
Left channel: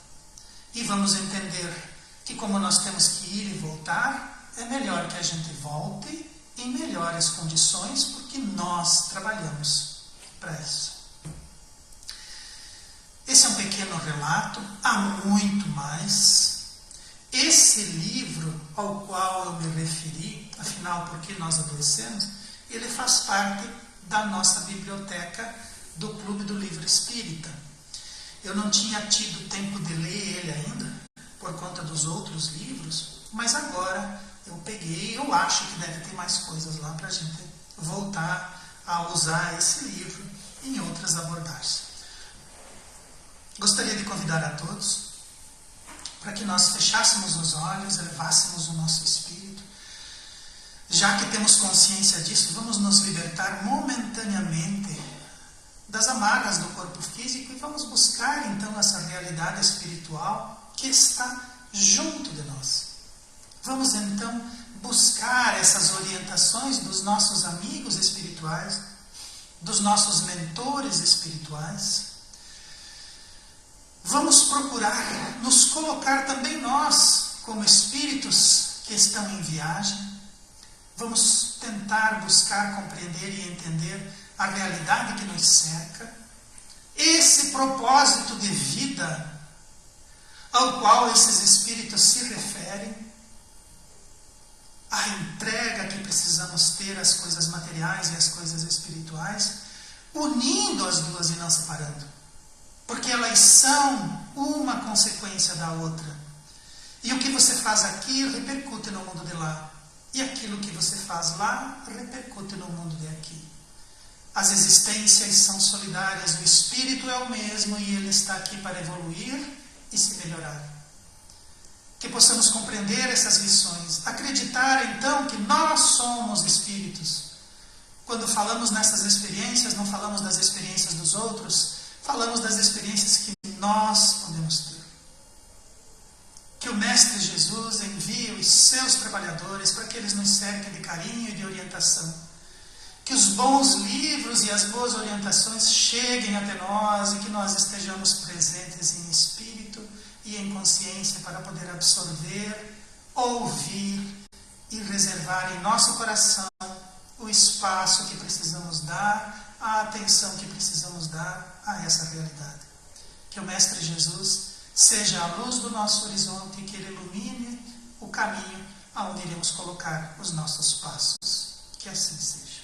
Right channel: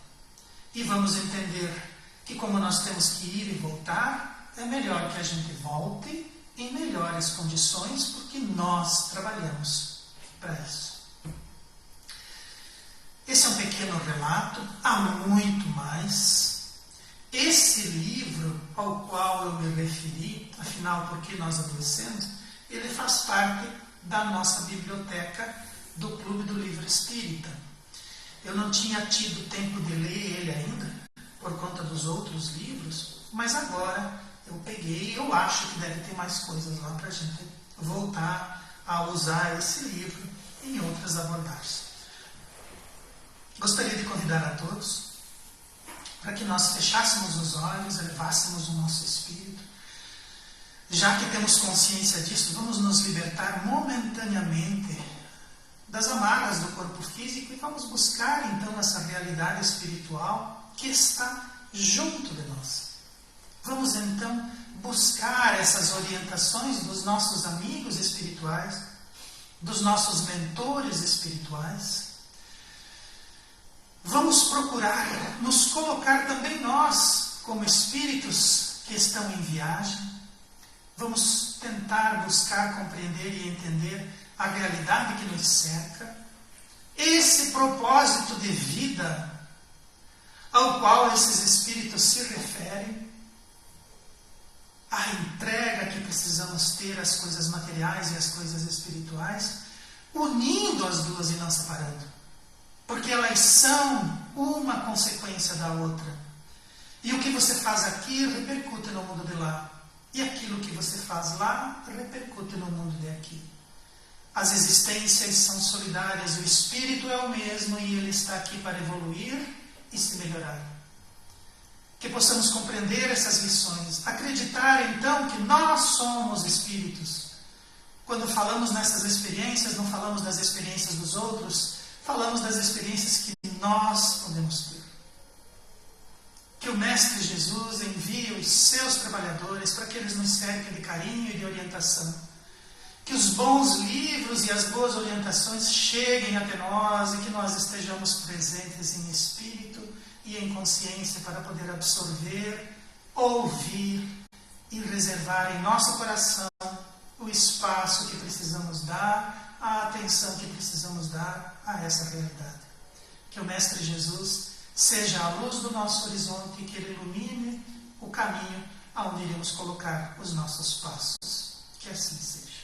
E vamos entender que como nós temos que ir e voltar, é melhor que a gente volte em melhores condições, porque nós trabalhamos para isso. Esse é um pequeno relato, há muito mais. Esse livro ao qual eu me referi, afinal, por que nós adoecemos, ele faz parte da nossa biblioteca do Clube do Livro Espírita. Eu não tinha tido tempo de ler ele ainda, por conta dos outros livros, mas agora eu peguei, eu acho que deve ter mais coisas lá para a gente voltar a usar esse livro em outras abordagens. Gostaria de convidar a todos para que nós fechássemos os olhos, elevássemos o nosso espírito. Já que temos consciência disso, vamos nos libertar momentaneamente das amarras do corpo físico e vamos buscar então essa realidade espiritual que está junto de nós. Vamos então buscar essas orientações dos nossos amigos espirituais, dos nossos mentores espirituais. Vamos procurar nos colocar também nós como espíritos que estão em viagem. Vamos tentar buscar compreender e entender a realidade que nos cerca, esse propósito de vida ao qual esses espíritos se referem, a entrega que precisamos ter às coisas materiais e às coisas espirituais, unindo as duas e não separando, porque elas são uma consequência da outra. E o que você faz aqui repercute no mundo de lá. E aquilo que você faz lá repercute no mundo de aqui. As existências são solidárias, o espírito é o mesmo e ele está aqui para evoluir e se melhorar. Que possamos compreender essas lições, acreditar então que nós somos espíritos. Quando falamos nessas experiências, não falamos das experiências dos outros, falamos das experiências que nós podemos ter. Que o Mestre Jesus envie os seus trabalhadores para que eles nos cerquem de carinho e de orientação. que os bons livros e as boas orientações cheguem até nós e que nós estejamos presentes em espírito e em consciência para poder absorver, ouvir e reservar em nosso coração o espaço que precisamos dar, a atenção que precisamos dar a essa realidade. Que o Mestre Jesus seja a luz do nosso horizonte e que Ele ilumine o caminho aonde iremos colocar os nossos passos. Que assim seja.